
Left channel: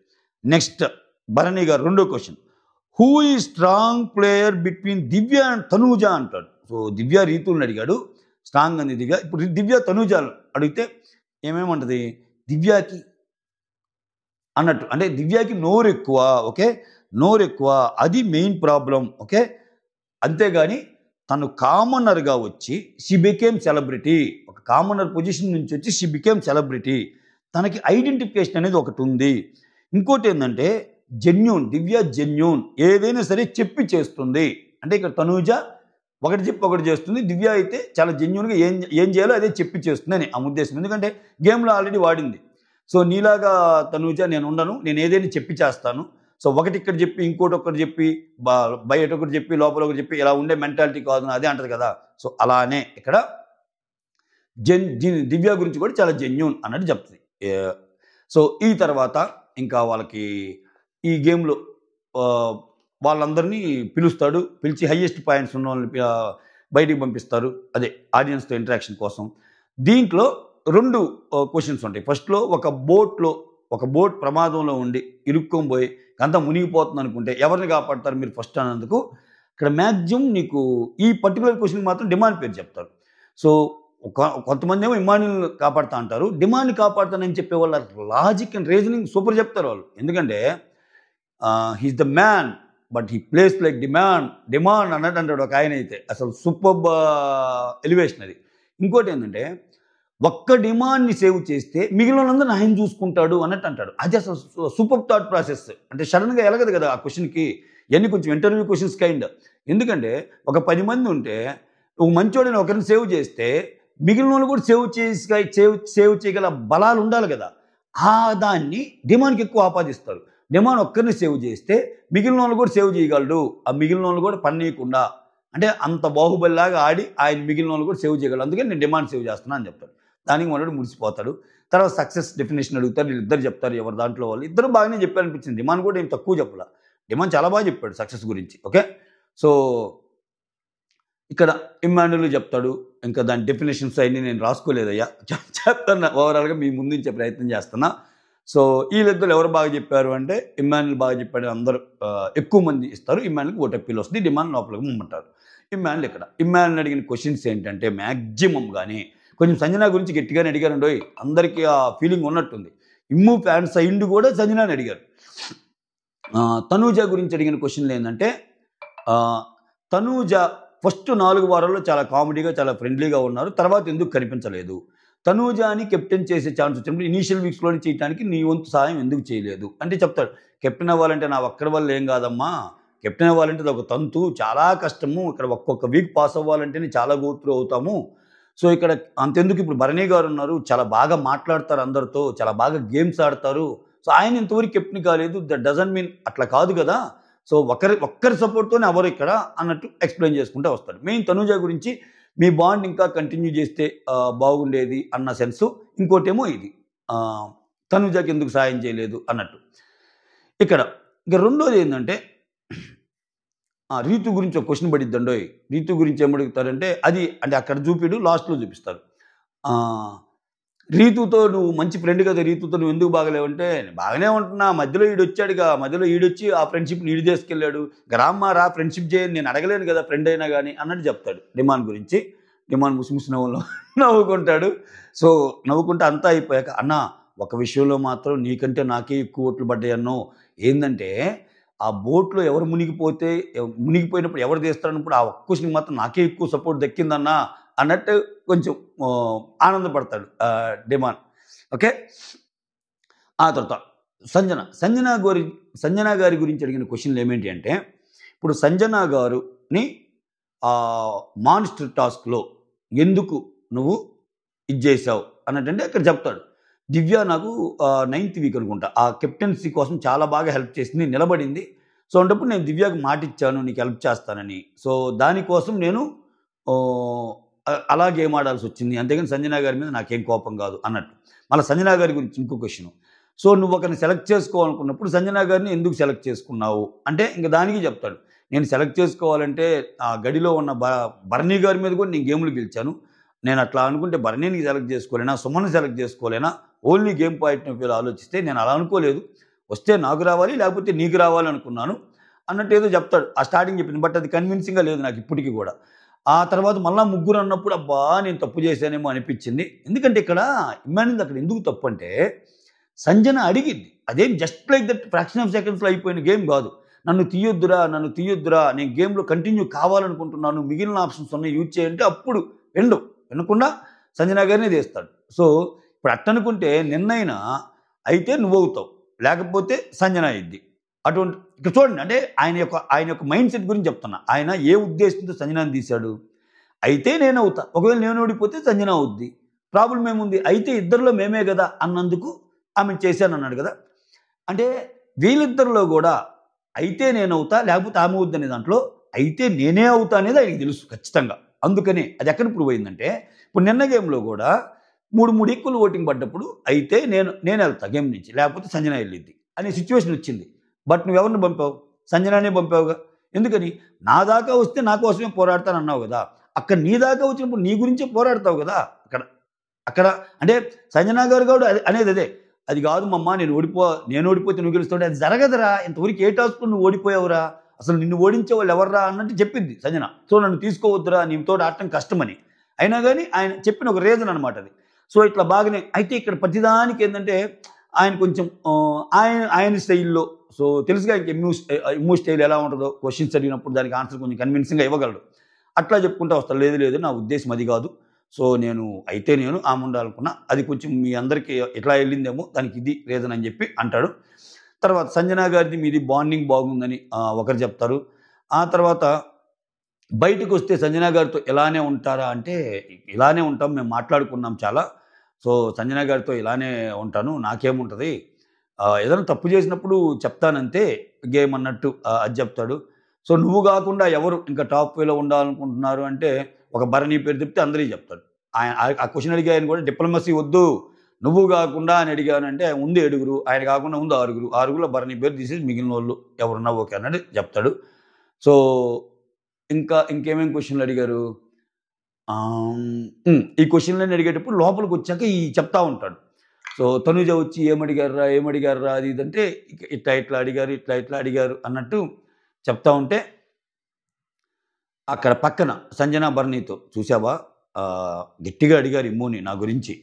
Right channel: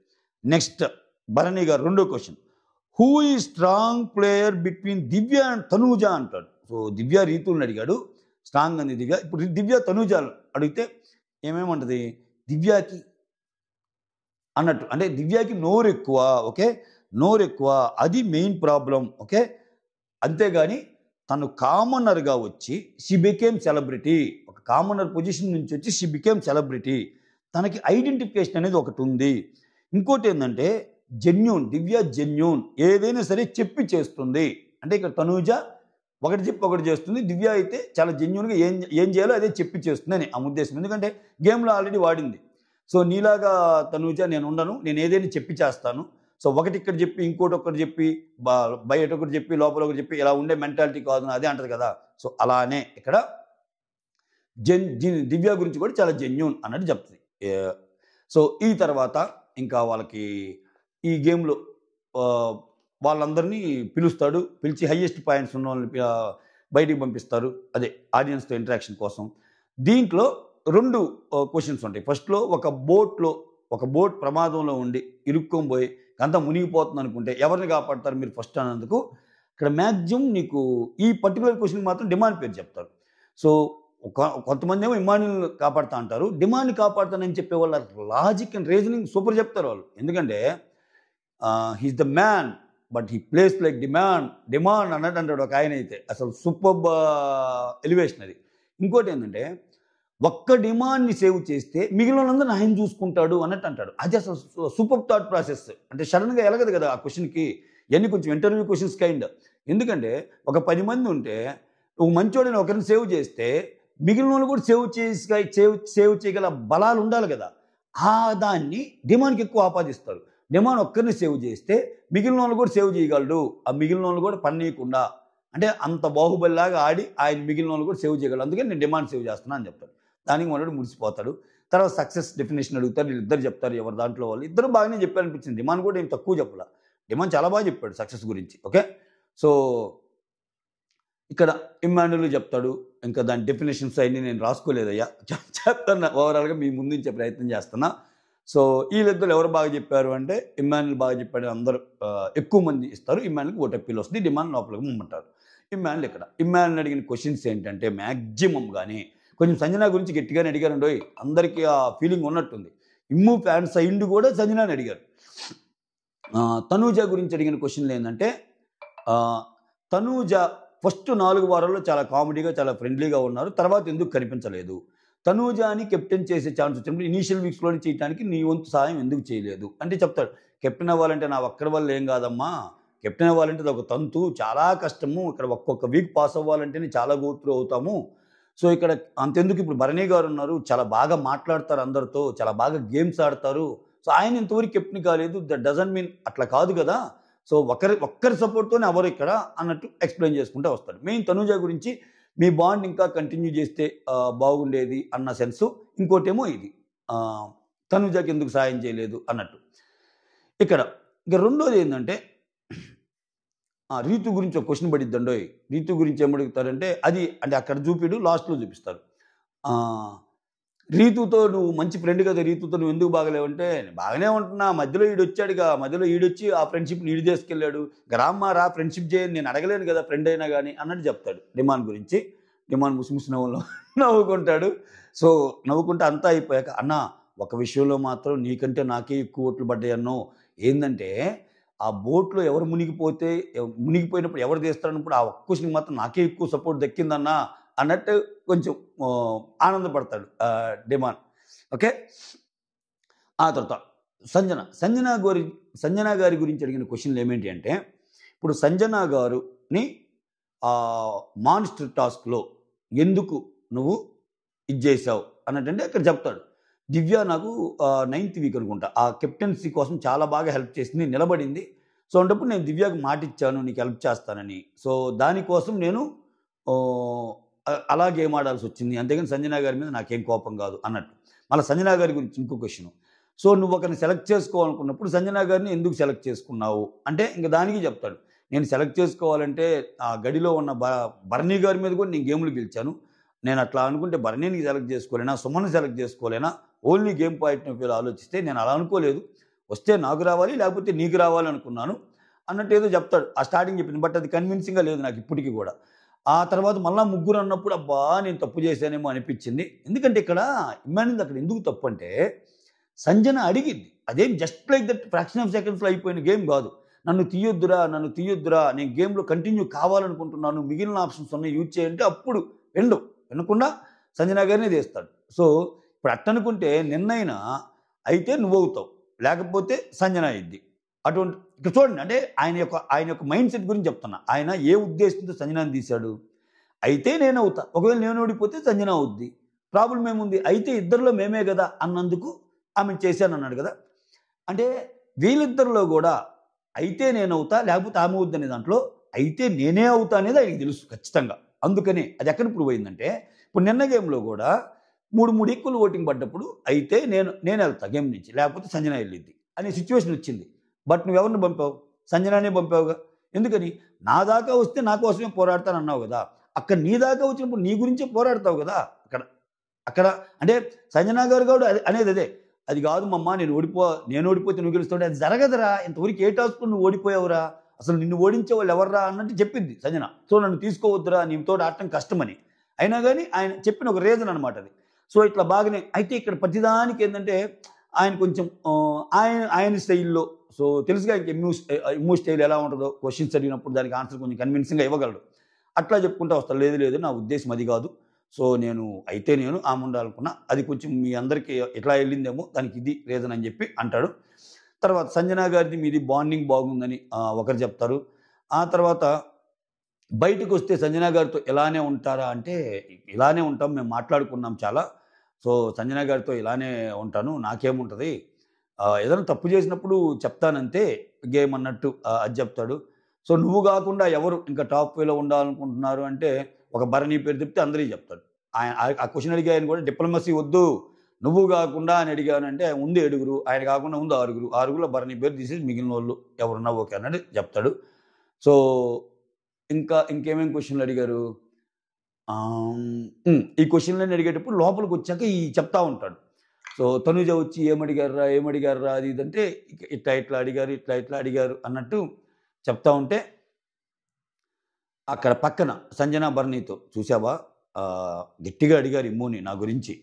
నెక్స్ట్ భరణి గారు రెండో question, who is strong player between Divya and Tanuja అంటాడు. సో దివ్య రీతుల్ని అడిగాడు, స్ట్రాంగ్ అంది దివ్య. ఇప్పుడు దివ్య తనూజ అడిగితే ఏమేమంటది, దివ్యకి అన్నట్టు, అంటే దివ్యకి నోరు ఎక్కువ. ఓకే, నోరు ఎక్కువ, అది మెయిన్ ప్రాబ్లం. ఓకే, అంతేగాని తను కామనర్గా వచ్చి షీ బికేమ్ సెలబ్రిటీ, ఒక కామనర్ పొజిషన్ నుంచి వచ్చి షీ బికేమ్ సెలబ్రిటీ, తనకి ఐడెంటిఫికేషన్ అనేది ఒకటి ఉంది. ఇంకోటి ఏంటంటే జెన్యూన్, దివ్య జెన్యూన్, ఏదైనా సరే చెప్పి చేస్తుంది. అంటే ఇక్కడ తనూజ ఒకటి చెప్పి ఒకటి చేస్తుంది, దివ్య అయితే చాలా జెన్యూన్గా ఏం చేయాలో అదే చెప్పి చేస్తుంది అని ఆ ఉద్దేశం. ఎందుకంటే గేమ్లో ఆల్రెడీ వాడింది. సో నీలాగా తనూజ నేను ఉండను, నేను ఏదైనా చెప్పి చేస్తాను. సో ఒకటి ఇక్కడ చెప్పి ఇంకోటి ఒకటి చెప్పి బయట ఒకటి చెప్పి లోపల ఒకటి చెప్పి ఇలా ఉండే మెంటాలిటీ కాదు అదే అంటది కదా. సో అలానే ఇక్కడ దివ్య గురించి కూడా చాలా జెన్యూన్ అన్నట్టు చెప్తుంది. సో ఈ తర్వాత ఇంకా వాళ్ళకి ఈ గేమ్లో వాళ్ళందరినీ పిలుస్తాడు, పిలిచి హైయెస్ట్ పాయింట్స్ ఉన్న వాళ్ళని బయటికి పంపిస్తారు, అదే ఆడియన్స్తో ఇంటరాక్షన్ కోసం. దీంట్లో 2 క్వశ్చన్స్ ఉంటాయి. ఫస్ట్లో ఒక బోట్ ప్రమాదంలో ఉండి ఇరుక్కొని పోయి అంతా మునిగిపోతుంది అనుకుంటే ఎవరిని కాపాడతారు మీరు ఫస్ట్ అన్నందుకు ఇక్కడ మ్యాక్సిమం నీకు ఈ పర్టికులర్ క్వశ్చన్ మాత్రం డిమాండ్ పేరు చెప్తారు. సో కొంతమంది ఏమో ఇమాన్యుల్ కాపాడుతా అంటారు, డిమాండ్ని కాపాడుతానని చెప్పే వాళ్ళ లాజిక్ అండ్ రీజనింగ్ సూపర్ చెప్తారు వాళ్ళు. ఎందుకంటే he's the man but he plays like demand అన్నట్టు అంటాడు ఒక ఆయన అయితే. అసలు సూపర్ ఎలివేషన్ అది. ఇంకోటి ఏంటంటే ఒక్క డిమాండ్ని సేవ్ చేస్తే మిగిలినందరూ ఆయన చూసుకుంటాడు అన్నట్టు అంటాడు. అది అసలు సూపర్ థాట్ ప్రాసెస్. అంటే సడన్గా ఎలగదు కదా ఆ క్వశ్చన్కి, ఇవన్నీ కొంచెం ఇంటర్వ్యూ క్వశ్చన్స్ కైండ్. ఎందుకంటే ఒక 10 మంది ఉంటే ఒక మంచోడని ఒకరిని సేవ్ చేస్తే మిగిలిన వాళ్ళు కూడా సేవ్ చేయగల బలాలు ఉండాలి కదా. దాన్ని డిమాండ్కి ఎక్కువ ఆపాదిస్తారు. డిమాండ్ ఒక్కరిని సేవ్ చేస్తే మిగిలిన వాళ్ళు కూడా సేవ్ చేయగలడు, ఆ మిగిలిన వాళ్ళు కూడా పన్నీయకుండా, అంటే అంత బాహుబలిలాగా ఆడి ఆయన మిగిలిన వాళ్ళు కూడా సేవ్ చేయగలడు, అందుకే నేను డిమాండ్ సేవ్ చేస్తున్నా అని చెప్తాడు. దానికి మనోడు మురిసిపోతాడు. తర్వాత సక్సెస్ డెఫినేషన్ అడుగుతారు, వీళ్ళిద్దరు చెప్తారు ఎవరు దాంట్లో వాళ్ళు. ఇద్దరు బాగానే చెప్పారు అనిపించింది. డిమాండ్ కూడా ఏం తక్కువ చెప్పాల, డిమాండ్ చాలా బాగా చెప్పాడు సక్సెస్ గురించి. ఓకే, సో ఇక్కడ ఇమ్మాన్యుల్ చెప్తాడు. ఇంకా దాని డెఫినేషన్స్ అన్నీ నేను రాసుకోలేదయ్యా, చెప్తున్నా ఓవరాల్గా మీ ముందుంచే ప్రయత్నం చేస్తున్నా. సో వీళ్ళిద్దరు ఎవరు బాగా చెప్పారు అంటే ఇమ్మాన్యుల్ బాగా చెప్పాడు, అందరూ ఎక్కువ మంది ఇస్తారు. ఇమ్మాన్యుల్కి ఓటు అప్పీల్ వస్తుంది, డిమాండ్ లోపలికి ముమ్మంటారు. ఇమ్మాన్యుల్ అడిగిన క్వశ్చన్స్ ఏంటంటే మ్యాక్సిమం కానీ కొంచెం సంజన గురించి గట్టిగానే అడిగారండి. అందరికీ ఆ ఫీలింగ్ ఉన్నట్టుంది. ఇమ్ము ఫ్యాన్స్ అయిండు కూడా సంజనాని అడిగారు. తనూజ గురించి అడిగిన క్వశ్చన్లు ఏంటంటే తనూజ ఫస్ట్ 4 వారాల్లో చాలా కామెడీగా చాలా ఫ్రెండ్లీగా ఉన్నారు, తర్వాత ఎందుకు కనిపించలేదు, తనూజాని కెప్టెన్ చేసే ఛాన్స్ వచ్చినప్పుడు ఇనీషియల్ వీక్స్లోనే చేయడానికి నీ వంతు సహాయం ఎందుకు చేయలేదు అంటే చెప్తాడు. కెప్టెన్ అవ్వాలంటే నా ఒక్కడి వల్ల ఏం కాదమ్మా, కెప్టెన్ అవ్వాలంటే అది ఒక తంతు, చాలా కష్టము, ఇక్కడ ఒక్కొక్క వీక్ పాస్ అవ్వాలంటేనే చాలా గోత్రు అవుతాము. సో ఇక్కడ అంతెందుకు ఇప్పుడు భరణి గారు ఉన్నారు, చాలా బాగా మాట్లాడతారు అందరితో, చాలా బాగా గేమ్స్ ఆడతారు. సో ఆయన ఇంతవరకు కెప్టెన్ కాలేదు, దట్ డజంట్ మీన్ అట్లా కాదు కదా. సో ఒక్కరి సపోర్ట్తోనే ఎవరు ఇక్కడ అన్నట్టు ఎక్స్ప్లెయిన్ చేసుకుంటూ వస్తాడు. మెయిన్ తనూజ గురించి మీ బాండ్ ఇంకా కంటిన్యూ చేస్తే బాగుండేది అన్న సెన్సు. ఇంకోటేమో ఇది తనూజకి ఎందుకు సాయం చేయలేదు అన్నట్టు. ఇక రెండోది ఏంటంటే రీతు గురించి ఒక క్వశ్చన్ పడిద్దండో. రీతు గురించి ఏమడుగుతారంటే అది అంటే అక్కడ చూపిడు లాస్ట్లో చూపిస్తారు. రీతుతో నువ్వు మంచి ఫ్రెండ్ కదా, రీతుతో నువ్వు ఎందుకు బాగలేవంటే బాగానే ఉంటున్నా, మధ్యలో ఈడొచ్చాడుగా, మధ్యలో ఈడొచ్చి ఆ ఫ్రెండ్షిప్ నీడు చేసుకెళ్ళాడు, గ్రామారా ఫ్రెండ్షిప్ చేయని నేను అడగలేను కదా ఫ్రెండ్ అయినా కానీ అన్నట్టు చెప్తాడు డిమాండ్ గురించి. డిమాండ్ ముసిముసి నవ్వుకుంటాడు. సో నవ్వుకుంటే అంతా అయిపోయాక అన్న ఒక విషయంలో మాత్రం నీకంటే నాకే ఎక్కువ ఓట్లు పడ్డాయి అన్నో, ఏంటంటే ఆ బోట్లో ఎవరు మునిగిపోయినప్పుడు ఎవరు తీస్తారన్నప్పుడు ఆ ఒక్క క్వశ్చన్కి మాత్రం నాకే ఎక్కువ సపోర్ట్ దక్కిందన్నా అన్నట్టు కొంచెం ఆనందపడతాడు డిమాన్. ఓకే. ఆ తర్వాత సంజన గారి గురించి అడిగిన క్వశ్చన్లు ఏమేంటి అంటే, ఇప్పుడు సంజన గారుని మాన్స్టర్ టాస్క్లో ఎందుకు నువ్వు ఇది చేసావు అన్నట్టంటే అక్కడ చెప్తాడు. దివ్య నాకు 9th వీక్ అనుకుంటా ఆ కెప్టెన్సీ కోసం చాలా బాగా హెల్ప్ చేసింది, నిలబడింది. సో అన్నప్పుడు నేను దివ్యకు మాట ఇచ్చాను నీకు హెల్ప్ చేస్తానని. సో దానికోసం నేను అలా గేమ్ ఆడాల్సి వచ్చింది, అంతేగాని సంజన గారి మీద నాకేం కోపం కాదు అన్నట్టు. మళ్ళీ సంజన గారి గురించి ఇంకో క్వశ్చన్, సో నువ్వు ఒకరిని సెలెక్ట్ చేసుకోవాలనుకున్నప్పుడు సంజన గారిని ఎందుకు సెలెక్ట్ చేసుకున్నావు అంటే ఇంక దానికి చెప్తాడు. నేను సెలెక్ట్ చేసుకోవాలంటే ఆ గడిలో ఉన్న భరణి గారి మీద కూడా నేను గేములు గెలిచాను. నేను అట్లా అనుకుంటే భరణిని సెలెక్ట్ చేసుకోలేనా, సుమన్ సెలెక్ట్ చేసుకోలేనా, ఓన్లీ గేమ్ పాయింట్ ఆఫ్ వ్యూలో ఆలోచిస్తే నేను అలా అనుకోలేదు. వస్తే నాకు రావాలి లేకపోతే నీకు రావాలి అనుకున్నాను అన్నట్టు ఏదో చెప్తాడు. ఆ స్టార్టింగ్ చెప్పింది, బట్ అది కన్విన్సింగ్గా లేదు నాకు ఇప్పటికీ కూడా. ఆ తర్వాత మళ్ళీ ముగ్గురు అన్నప్పుడు అబ్బా నేను తప్పు చేశానేమో అనిపించింది. ఎందుకంటే ఇక్కడ ఇమానింది అక్కడ ఎందుకు తప్పు అంటే సంజన అడిగింది, అదేం just like that fraction of సెకండ్స్లో అయిపోయిన గేమ్ కాదు. నన్ను తీయొద్దురా నేను గేమ్లో కంటిన్యూ కావాలనుకుంటున్నాను, మిగిలిన ఆప్షన్స్ ఉన్నాయి యూజ్ చేయంటే అప్పుడు వినకుండా సంజన గారినే తీస్తాడు. సో ఇప్పుడు అట్టనుకుంటే నిన్నైనా అయితే నువ్వవుతావు, లేకపోతే సంజన అయ్యిద్ది. అటువంటి ఇక్కడ చూడండి, అంటే ఆయన యొక్క మైండ్ సెట్ గురించి చెప్తున్నా. ఆయన ఏ ఉద్దేశంతో సంజనాన్ని తీశాడు, అయితే నేను అవుతా, ఒకవేళ నేను ఓడిపోతే సంజన అవుద్ది, ప్రాబ్లం ఏముంది, అయితే ఇద్దరిలో మేమే కదా అన్నందుకు ఆమె చేశాను అన్నాడు కదా. అంటే వీళ్ళిద్దరిలో కూడా అయితే నేను అవుతా లేకపోతే ఆమె అవుద్ది అనే దాంట్లో అయితే నేనే అవుతా అనేది ఆయనకి తెలుసు ఖచ్చితంగా. అందుకని అది ఎక్కడ ప్రూవ్ అయిందంటే ఇప్పుడు నిన్న గేమ్లో కూడా 3 ఈక్వల్ ఓటింగ్ పడ్డప్పుడు అయితే నేను వెళ్తా గేమ్ నుంచి, లేకపోతే సంజన వెళ్ళిద్ది అనే సిచ్యువేషన్ వచ్చింది. బట్ నువ్వెవరిని పంపావు, సంజనానే పంపావుగా. ఎందుకని, నా దాకా వస్తే నా కోసమే పోరాడతాను అన్నావు కదా, అక్కడ నీ దాకా వచ్చినప్పుడు నీ గురించే పోరాడతావు కదా. అక్కడ అంటే సంజన గారు కూడా అనేది అదే, అది కాదు మమ్మ నేను ఓడిపోతే నువ్వు గెలుస్తుంటే అది జరగదురా, ఇంతవరకు ఏ టాస్క్లో నువ్వు ఓడిపోయావురా, అసలు నిన్ను ఓడించే వాళ్ళు ఎవర్రా అన్నట్టు చెప్పింది సంజన. సో నన్ను తీసుకోవద్దురా, నీతో ఆడటం కష్టమని. అయినా కానీ ఆయన చెప్పిన ఒక రీజన్ అనమాట అది. సో ఇట్లా బాగానే అయితే ఇక్కడ ప్రతిదానికి ఏంటంటే ఆయన కొంచెం ఆయన స్టైల్లో, సో తెలుసుగా ఇమ్మూ స్టైల్ ఎలా ఉంటుందో, క్వశ్చన్స్ అడిగినప్పుడు దానికి ఆన్సర్ కొంచెం కన్విన్సింగ్గా ఇవ్వగలడు. అట్లా చెప్పుకుంటూ వస్తాడు. లేదు నా ఉద్దేశం అది కాదు, సో నేను ఆమె ఉండాలనుకున్నా, అది కొంచెం మీ అందరికీ ఎట్లా వెళ్ళిందేమో దానికి ఇది రీజన్ అని చెప్పి అంటాడు. తర్వాత సంజన గారిది మీది బాండింగ్ బాగుందని ఒకరు చెప్తారు. ఆ తర్వాత బయటకు వస్తే సంజన గారితో ఇలానే ఉంటారా అంటే ఇలానే ఉంటాం, మేము మాట్లాడుకున్నాం చాలా, సో సంజన గారితో ఇలానే ఉంటాను, నాకేముంటుంది, ఏదైనా తప్పు చేసినప్పుడు చెప్తానంతే గేమ్ అన్నట్టు అది చెప్తాడు. సో నువ్వు కాకుండా ఎవరు ఇంకా టాప్ వేలో ఉండాలనుకుంటున్నారు అంటే ఒక భరణి పేరు చెప్తే అందరికీ చెప్తాడు. ఆ క్వశ్చన్ అడిగి ఆయన కూడా డిప్లొమసీ వద్దు, నువ్వు కాకుండా అని అడిగానంటే ఉంది 7, ఆయన కాకుండా ఉంది 6, భరణి పేరు తీసేసి మిగిలిన వాళ్ళు ఎవరున్నా ఓకే అన్నట్టు చెప్తాడు. సో ఇంకేమేమి క్వశ్చన్లు అడిగారు, ఈ క్వశ్చన్లన్నీ అడిగేటప్పుడు లోపలికి వచ్చాక ఈ చెప్తా ఉంటాడు. సో తనుజ వచ్చి ఏమడిగారా అది ఇదంటే ఇట్లా అడిగారు అన్నట్టు చెప్తా ఉంటే అక్కడ పక్కన సంజన భరణితో చూసావా గట్టిగా అడిగారు ఇమ్మూని నా గురించి,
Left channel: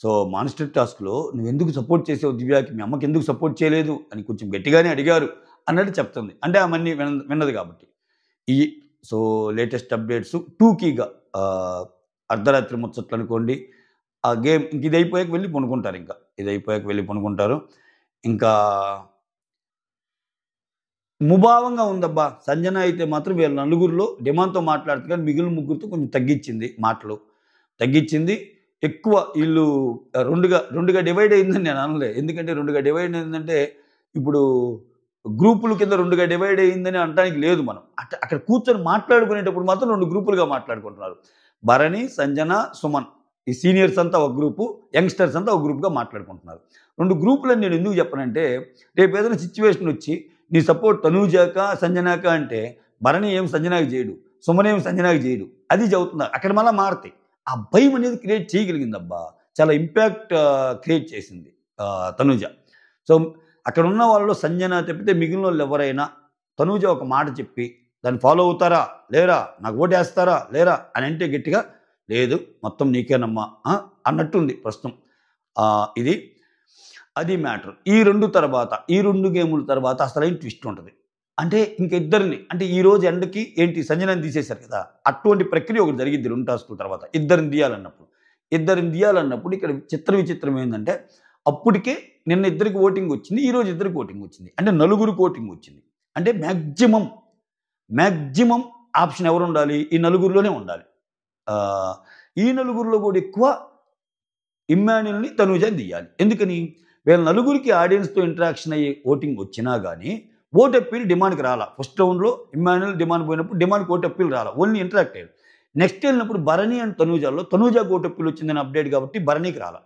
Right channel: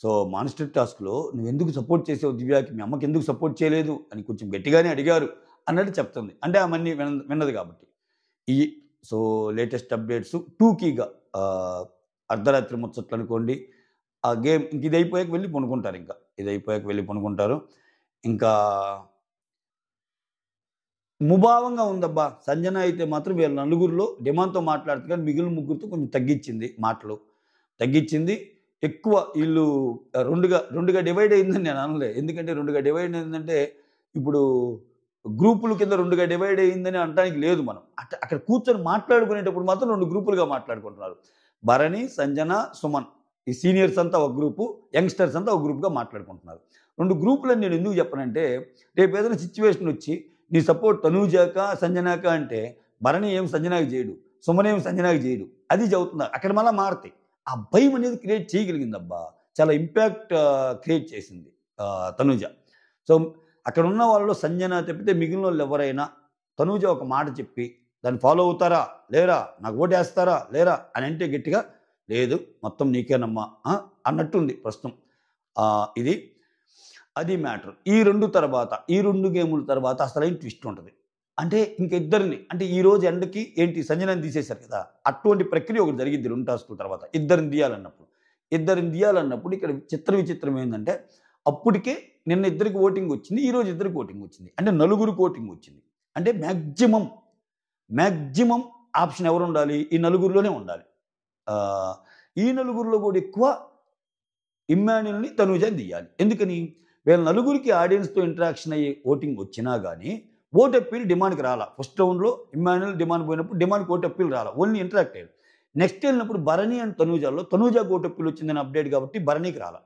సో మాన్స్టర్ టాస్క్లో నువ్వు ఎందుకు సపోర్ట్ చేసావు దివ్యాకి, మీ అమ్మకి ఎందుకు సపోర్ట్ చేయలేదు అని కొంచెం గట్టిగానే అడిగారు అన్నట్టు చెప్తుంది. అంటే ఆమెన్ని విన్నది కాబట్టి. సో లేటెస్ట్ అప్డేట్స్ టూకీగా అర్ధరాత్రి ముచ్చట్లు అనుకోండి. ఆ గేమ్ ఇంక ఇది అయిపోయాక వెళ్ళి పనుకుంటారు. ఇంకా ముభావంగా ఉందబ్బా. సంజన అయితే మాత్రం వీళ్ళ నలుగురిలో డిమాండ్తో మాట్లాడుతుంది, కానీ మిగిలిన ముగ్గురితో కొంచెం తగ్గించింది. ఎక్కువ వీళ్ళు రెండుగా డివైడ్ అయిందని నేను అనలే. ఎందుకంటే రెండుగా డివైడ్ అయిందంటే ఇప్పుడు గ్రూపుల కింద రెండుగా డివైడ్ అయిందని అనడానికి లేదు. మనం అక్కడ కూర్చొని మాట్లాడుకునేటప్పుడు మాత్రం 2 గ్రూపులుగా మాట్లాడుకుంటున్నారు. భరణి, సంజన, సుమన్, ఈ సీనియర్స్ అంతా ఒక గ్రూపు, యంగ్స్టర్స్ అంతా ఒక గ్రూప్గా మాట్లాడుకుంటున్నారు. 2 గ్రూపులని నేను ఎందుకు చెప్పనంటే రేపు ఏదైనా సిచ్యువేషన్ వచ్చి నీ సపోర్ట్ తనూజాక సంజనాక అంటే భరణి ఏం సంజనాకి చేయడు, సుమన్ ఏం సంజనాకి చేయడు, అది చదువుతున్నారు. అక్కడ మళ్ళీ మారుతాయి. ఆ భయం అనేది క్రియేట్ చేయగలిగిందబ్బా, చాలా ఇంపాక్ట్ క్రియేట్ చేసింది తనూజ. సో అక్కడ ఉన్న వాళ్ళలో సంజన తప్పితే మిగిలిన వాళ్ళు ఎవరైనా తనూజ ఒక మాట చెప్పి దాన్ని ఫాలో అవుతారా లేరా, నాకు ఓటేస్తారా లేరా అని అంటే గట్టిగా లేదు మొత్తం నీకేనమ్మా అన్నట్టుంది ప్రస్తుతం. అది మ్యాటర్. ఈ 2 గేముల తర్వాత అసలైన ట్విస్ట్ ఉంటుంది. అంటే ఇంక ఇద్దరిని అంటే ఈ రోజు ఎండకి ఏంటి సంజనాని తీసేశారు కదా! అటువంటి ప్రక్రియ ఒకటి జరిగిద్ది 2 టాస్కుల తర్వాత. ఇద్దరిని తీయాలన్నప్పుడు ఇక్కడ విచిత్రం ఏందంటే అప్పటికే నిన్న ఇద్దరికి ఓటింగ్ వచ్చింది. ఈరోజు ఇద్దరికి ఓటింగ్ వచ్చింది. అంటే నలుగురికి ఓటింగ్ వచ్చింది. అంటే మాక్సిమం ఆప్షన్ ఎవరుండాలి? ఈ నలుగురిలోనే ఉండాలి. ఈ నలుగురిలో కూడా ఎక్కువ ఇమ్మాన్యుల్‌ని, తనూజని తీయాలి. ఎందుకని? వీళ్ళ నలుగురికి ఆడియన్స్‌తో ఇంటరాక్షన్ అయ్యే ఓటింగ్ వచ్చినా గానీ ఓట్ అప్పీల్ డిమాండ్‌కి రాలా. ఫస్ట్ రౌండ్‌లో ఇమ్మాన్యుల్, డిమాండ్ పోయినప్పుడు డిమాండ్‌కి ఓట్ అప్పీల్ రాలా. ఓన్లీ ఇంటరాక్ట్ అయ్యారు. నెక్స్ట్ వెళ్ళినప్పుడు భరణి అండ్ తనూజాకి ఓట్ అప్పీల్ వచ్చిందని అప్డేట్ కాబట్టి భరణికి రాలా.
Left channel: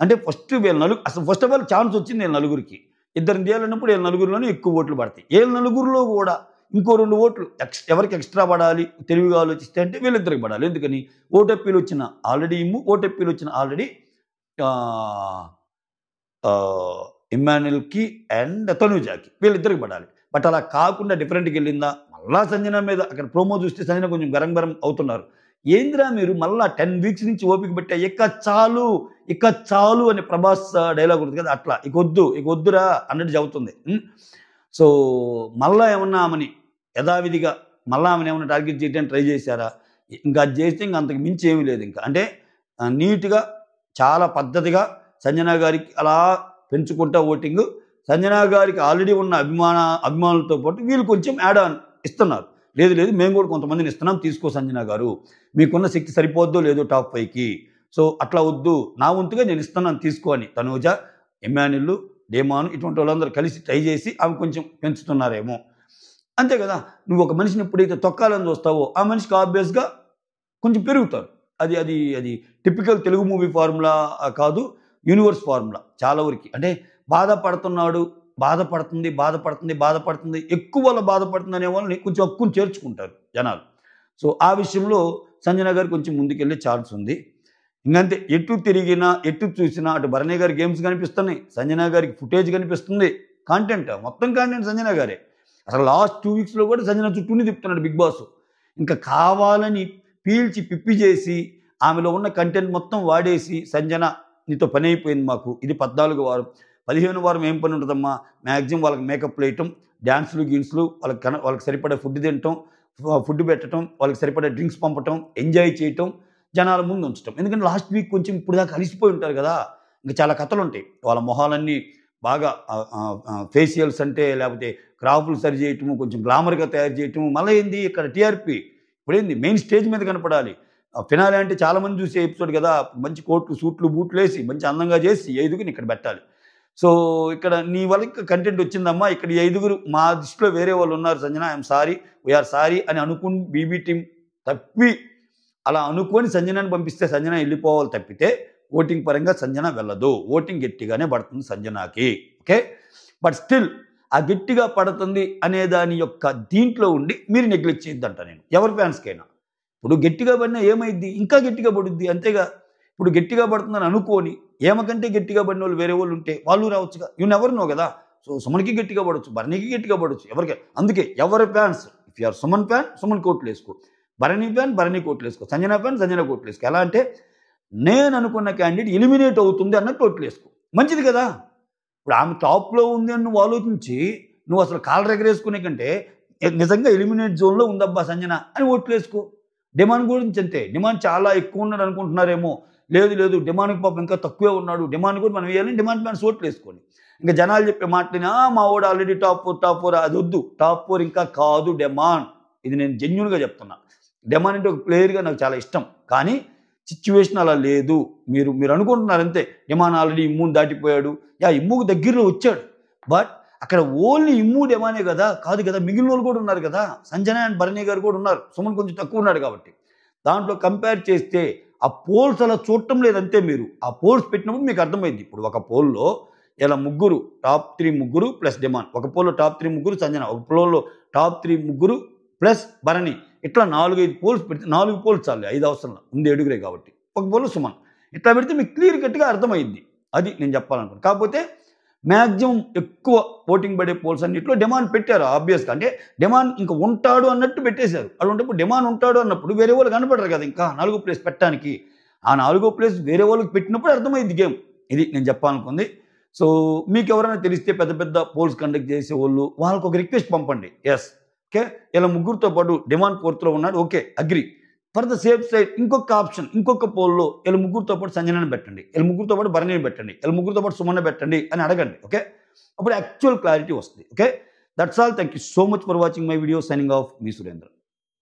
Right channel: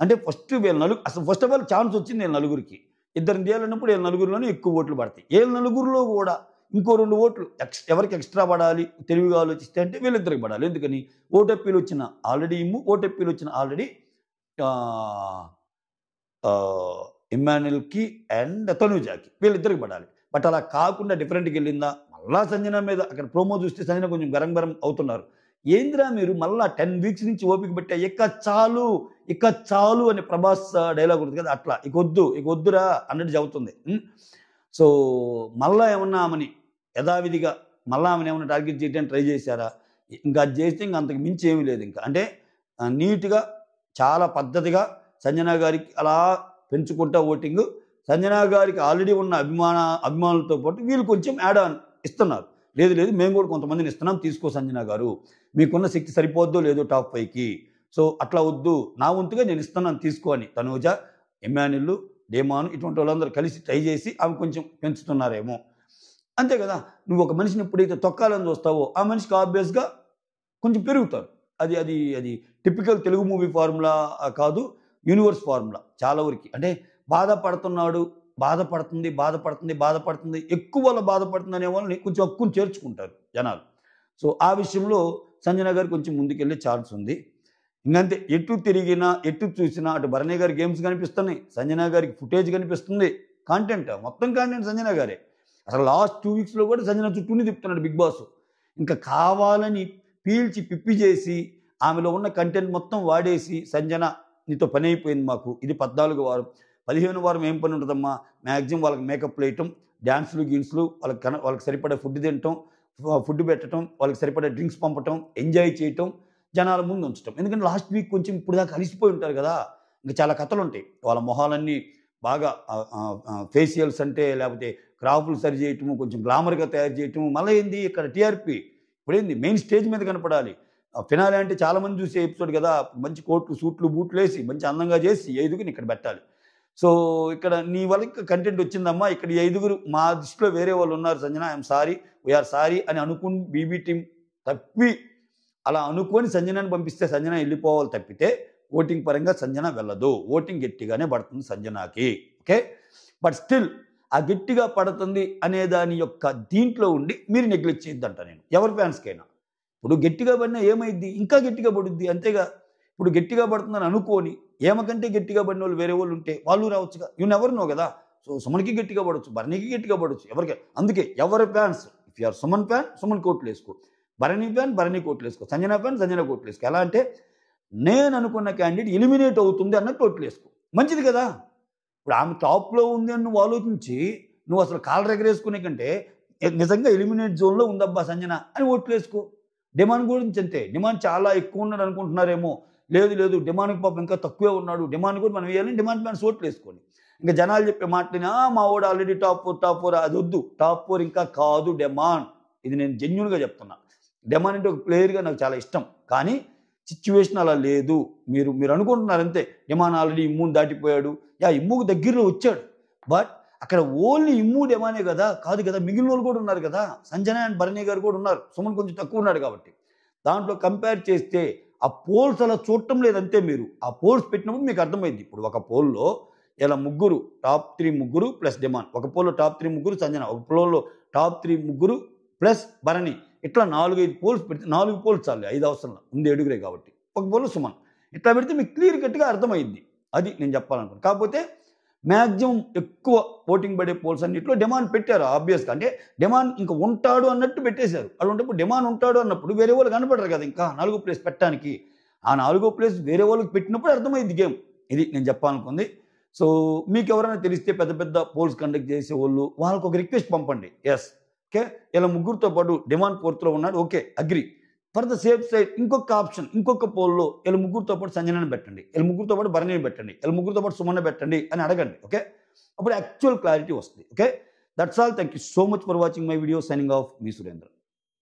అంటే ఫస్ట్ వీళ్ళ అసలు ఫస్ట్ ఆఫ్ ఆల్ ఛాన్స్ వచ్చింది వీళ్ళ నలుగురికి. ఇద్దరిని తీయాలన్నప్పుడు వీళ్ళ నలుగురిలోనే ఎక్కువ ఓట్లు పడతాయి. వీళ్ళ నలుగురిలో కూడా ఇంకో 2 ఓట్లు ఎవరికి ఎక్స్‌ట్రా పడాలి తెలివిగా ఆలోచిస్తే అంటే వీళ్ళిద్దరికి పడాలి. ఎందుకని? ఓట్ అప్పీల్ వచ్చిన ఆల్రెడీ ఓట్ అప్పీల్ వచ్చిన ఆల్రెడీ ఆహ్, ఆహ్, ఇమ్మాన్యుల్‌కి అండ్ తనూజాకి వీళ్ళిద్దరికి పడాలి. బట్ అలా కాకుండా డిఫరెంట్‌గా వెళ్ళిందా? మళ్ళా సంజన మీద అక్కడ ప్రోమో చూస్తే సంజన కొంచెం గరం అవుతున్నారు. ఏందిరా మీరు మళ్ళా 10 వీక్స్ నుంచి ఓపిక పట్టా ఇక చాలు అని ప్రభాస్ డైలాగ్ ఉంటుంది కదా! అట్లా ఇక వద్దురా అన్నట్టు చెబుతుంది. సో మళ్ళా ఏమన్నా ఆమెని యథావిధిగా మళ్ళా ఆమెను ఏమన్నా టార్గెట్ చేయడానికి ట్రై చేశారా? ఇంకా అది చేస్తే ఇంక అంతకు మించి ఏమీ లేదు ఇంకా. అంటే నీట్‌గా చాలా పద్ధతిగా సంజన గారికి అలా పెంచుకుంటా ఓటింగు. సంజన గారికి ఆల్రెడీ ఉన్న అభిమానులతో పాటు వీళ్ళు కొంచెం యాడ్ ఆన్ ఇస్తున్నారు. లేదు మేము కూడా కొంతమందిని ఇస్తున్నాం తీసుకో సంజన గారు. మీకున్న శక్తి సరిపోద్దో లేదో టాప్ 5కి. సో అట్లా వద్దు. నా వంతుగా నేను ఇస్తున్నాను తీసుకో అని తనూజ, ఇమ్మాన్యుల్, డేమాన్ ఇటువంటి వాళ్ళందరూ కలిసి ట్రై చేసి ఆమె కొంచెం పెంచుతున్నారేమో. అంతే కదా! నువ్వు ఒక మనిషిని ఎప్పుడైతే తొక్కాలని చూస్తావో ఆ మనిషికి ఆబ్వియస్‌గా కొంచెం పెరుగుతారు. అది టిపికల్ తెలుగు మూవీ ఫార్ములా కాదు. యూనివర్స్ ఫార్ములా చాలా వరకి. అంటే బాధపడుతుంది. ఎక్కువ వాళ్ళ బాధపడుతుంది అనే వాళ్ళని కొంచెం హక్కుని చేర్చుకుంటారు జనాలు. సో ఆ విషయంలో సంజన గారు కొంచెం ముందుకెళ్ళే ఛాన్స్ ఉంది. ఇంకంతే ఎటు తిరిగినా, ఎటు చూసినా అటు భరణి గారి గేమ్స్ కనిపిస్తున్నాయి. సంజన గారికి ఫుటేజ్ కనిపిస్తుంది. మొత్తం కాంటెంట్ సంజన గారే. అసలు లాస్ట్ 2 వీక్స్‌లో కూడా సంజన చుట్టూనే తిప్పుతున్నాడు బిగ్ బాస్. ఇంకా కావాలని పీల్చి పిప్పి చేసి ఆమెలో ఉన్న కంటెంట్ మొత్తం వాడేసి సంజన నీతో పని అయిపోయింది మాకు. ఇది 14వ వారం. 15వ వారం ఏం పని ఉంటదమ్మా? మాక్సిమం వాళ్ళకి మేకప్‌లు ఏయటం, డాన్సులు, వాళ్ళకి సరిపడా ఫుడ్ తినటం, ఫుడ్ పెట్టటం, వాళ్ళకి సరిపడా డ్రింక్స్ పంపటం, ఎంజాయ్ చేయటం, జనాల ముందు ఉంచటం. ఎందుకంటే లాస్ట్ వీక్ కొంచెం ఇప్పుడు దాకా అలిసిపోయి ఉంటారు కదా! ఇంకా చాలా కథలుంటాయి. వాళ్ళ మొహాలన్నీ బాగా ఫేషియల్స్ అంటే లేకపోతే క్రాఫ్‌లు సరి చేయటము, కొంచెం గ్లామర్‌గా తయారు చేయటము. మళ్ళా ఏంది ఇక్కడ టీఆర్‌పీ. ఇప్పుడేంది మెయిన్ స్టేజ్ మీద కనపడాలి. ఫినాలే అంటే చాలా మంది చూసే ఎపిసోడ్ కదా! మంచి కోట్లు, సూట్లు, బూట్లేసి మంచి అందంగా చేసి ఈ 5గురిని ఇక్కడ పెట్టాలి. సో ఇక్కడ నీ వల్ల కంటెంట్ వచ్చిందమ్మా. ఇక్కడ ఈ 5గురు మా దృష్టిలో వేరే వాళ్ళు ఉన్నారు Sanjana. I'm sorry. We are sorry అని అనుకుని బీబీ టీమ్ తప్పి అలా అనుకోని సంజనని పంపిస్తే సంజన వెళ్ళిపోవాలి తప్పితే ఓటింగ్ పరంగా సంజన వెళ్ళదు. ఓటింగ్ గట్టిగానే పడుతుంది సంజనకి. ఓకే. బట్ స్టిల్ ఆ గట్టిగా పడుతుంది అనే దాని యొక్క దీంట్లో ఉండి మీరు నెగ్లెక్ట్ చేయొద్దంట నేను. ఎవరి ఫ్యాన్స్‌కైనా. ఇప్పుడు గట్టిగా పడినా ఏమైద్ది? ఇంకా గట్టిగా పడుద్ది అంతేగా. ఇప్పుడు గట్టిగా పడుతుందని అనుకోని ఏమకంటే గట్టిగా పడినోళ్ళు వేరే వాళ్ళు ఉంటే వాళ్ళు రావచ్చుగా. యూ నెవర్ నో కదా! సో సుమన్‌కి గట్టిగా పడొచ్చు, భరణికి గట్టిగా పడొచ్చు. అందుకే ఎవరి fans if you are Suman fan సుమన్‌కి ఓట్లేసుకో. భరణి ఫ్యాన్ భరణికి ఓట్లేసుకో. సంజన ఫ్యాన్ సంజనకి ఓట్లేసుకో. ఎలా అంటే నేను అనుకున్న క్యాండిడేట్ ఎలిమినేట్ అవుతుంది అన్నట్టు ఓట్లేసుకో. మంచిది కదా! ఇప్పుడు ఆమె టాప్‌లో ఉంది అని నువ్వు ఆలోచించి నువ్వు అసలు కాలర్ ఎగరేసుకునే కంటే నిజంగా ఎలిమినేట్ జోన్‌లో ఉందబ్బా సంజన అని ఓట్లేసుకో. డిమాండ్ గురించి అంతే. డిమాండ్ చాలా ఎక్కువ ఉన్నాడు అనుకుంటున్నారేమో. లేదు డిమాండ్‌కి పాపం ఇంకా తక్కువే ఉన్నాడు. డిమాండ్ కూడా మనం వేయాలని డిమాండ్ ఫ్యాన్స్ ఓట్లేసుకోండి. ఇంకా జనాలు చెప్పే మాటలని మా వాడు ఆల్రెడీ టాప్ 4 అది వద్దు. టాప్ 4 ఇంకా కాదు డిమాండ్. ఇది నేను జెన్యూన్‌గా చెప్తున్నా. డిమాండ్ అంటే ఒక ప్లేయర్‌గా నాకు చాలా ఇష్టం. కానీ సిట్యుయేషన్ అలా లేదు. మీరు అనుకుంటున్నారు అంతే. Demand already ఇమ్ముని దాటిపోయాడు. ఇమ్ముకు దగ్గరలో వచ్చాడు. బట్ అక్కడ ఓన్లీ ఇమ్ము డిమాండే కదా! కాదు కదా! మిగిలిన వాళ్ళు కూడా ఉన్నారు కదా! సంజన అండ్ భరణి గారు కూడా ఉన్నారు. సుమన్ కొంచెం తక్కువ ఉన్నాడు కాబట్టి. దాంట్లో కంపేర్ చేస్తే ఆ పోల్స్ అలా చూడటం లేదంతే మీరు. ఆ పోల్స్ పెట్టినప్పుడు మీకు అర్థమైంది. ఇప్పుడు ఒక పోల్‌లో ఇలా ముగ్గురు టాప్ 3 ముగ్గురు ప్లస్ డిమాండ్. ఒక పోల్‌లో టాప్ 3 ముగ్గురు సంజన. ఒక పోల్‌లో టాప్ 3 ముగ్గురు ప్లస్ భరణి. ఇట్లా 4, 5 పోల్స్ పెడితే 4 పోల్స్ చాలులే 5 అవసరంలా. ఉంది 7గురే కాబట్టి. ఒక పోల్‌లో సుమన్. ఇట్లా పెడితే మీకు క్లియర్ కట్‌గా అర్థమైద్ది. అది నేను చెప్పాలనుకున్నాను. కాకపోతే మాక్సిమం ఎక్కువ ఓటింగ్ పడే పోల్స్ అన్నిట్లో డిమాండ్ పెట్టారు ఆబ్వియస్‌గా. అంటే డిమాండ్ ఇంక ఉంటాడు అన్నట్టు పెట్టేశారు. అలాంటప్పుడు డిమాండ్ ఉంటాడు అన్నప్పుడు వేరే వాళ్ళు కనపడరు కదా! ఇంకా 4వ ప్లేస్ పెట్టడానికి. ఆ 4వ ప్లేస్ వేరే వాళ్ళకి పెట్టినప్పుడు అర్థమైంది గేమ్. ఇది నేను చెప్పాలనుకుంది. సో మీకు ఎవరైనా తెలిస్తే పెద్ద పెద్ద పోల్స్ కండక్ట్ చేసే వాళ్ళు వాళ్ళకు ఒక రిక్వెస్ట్ పంపండి. ఎస్, ఓకే, ఇలా ముగ్గురితో పాటు డిమాండ్ 4th ఉన్నాడు, okay, agri. For the safe side ఇంకొక ఆప్షన్, ఇంకొక పోల్లో వీళ్ళ ముగ్గురితో పాటు సంజనని పెట్టండి, వీళ్ళ ముగ్గురితో పాటు భరణిని పెట్టండి, వీళ్ళ ముగ్గురితో పాటు సుమన్న పెట్టండి అని అడగండి. ఓకే, అప్పుడు యాక్చువల్ క్లారిటీ వస్తుంది. Okay, that's all. Thank you so much for watching my video. Signing off, me Surendra.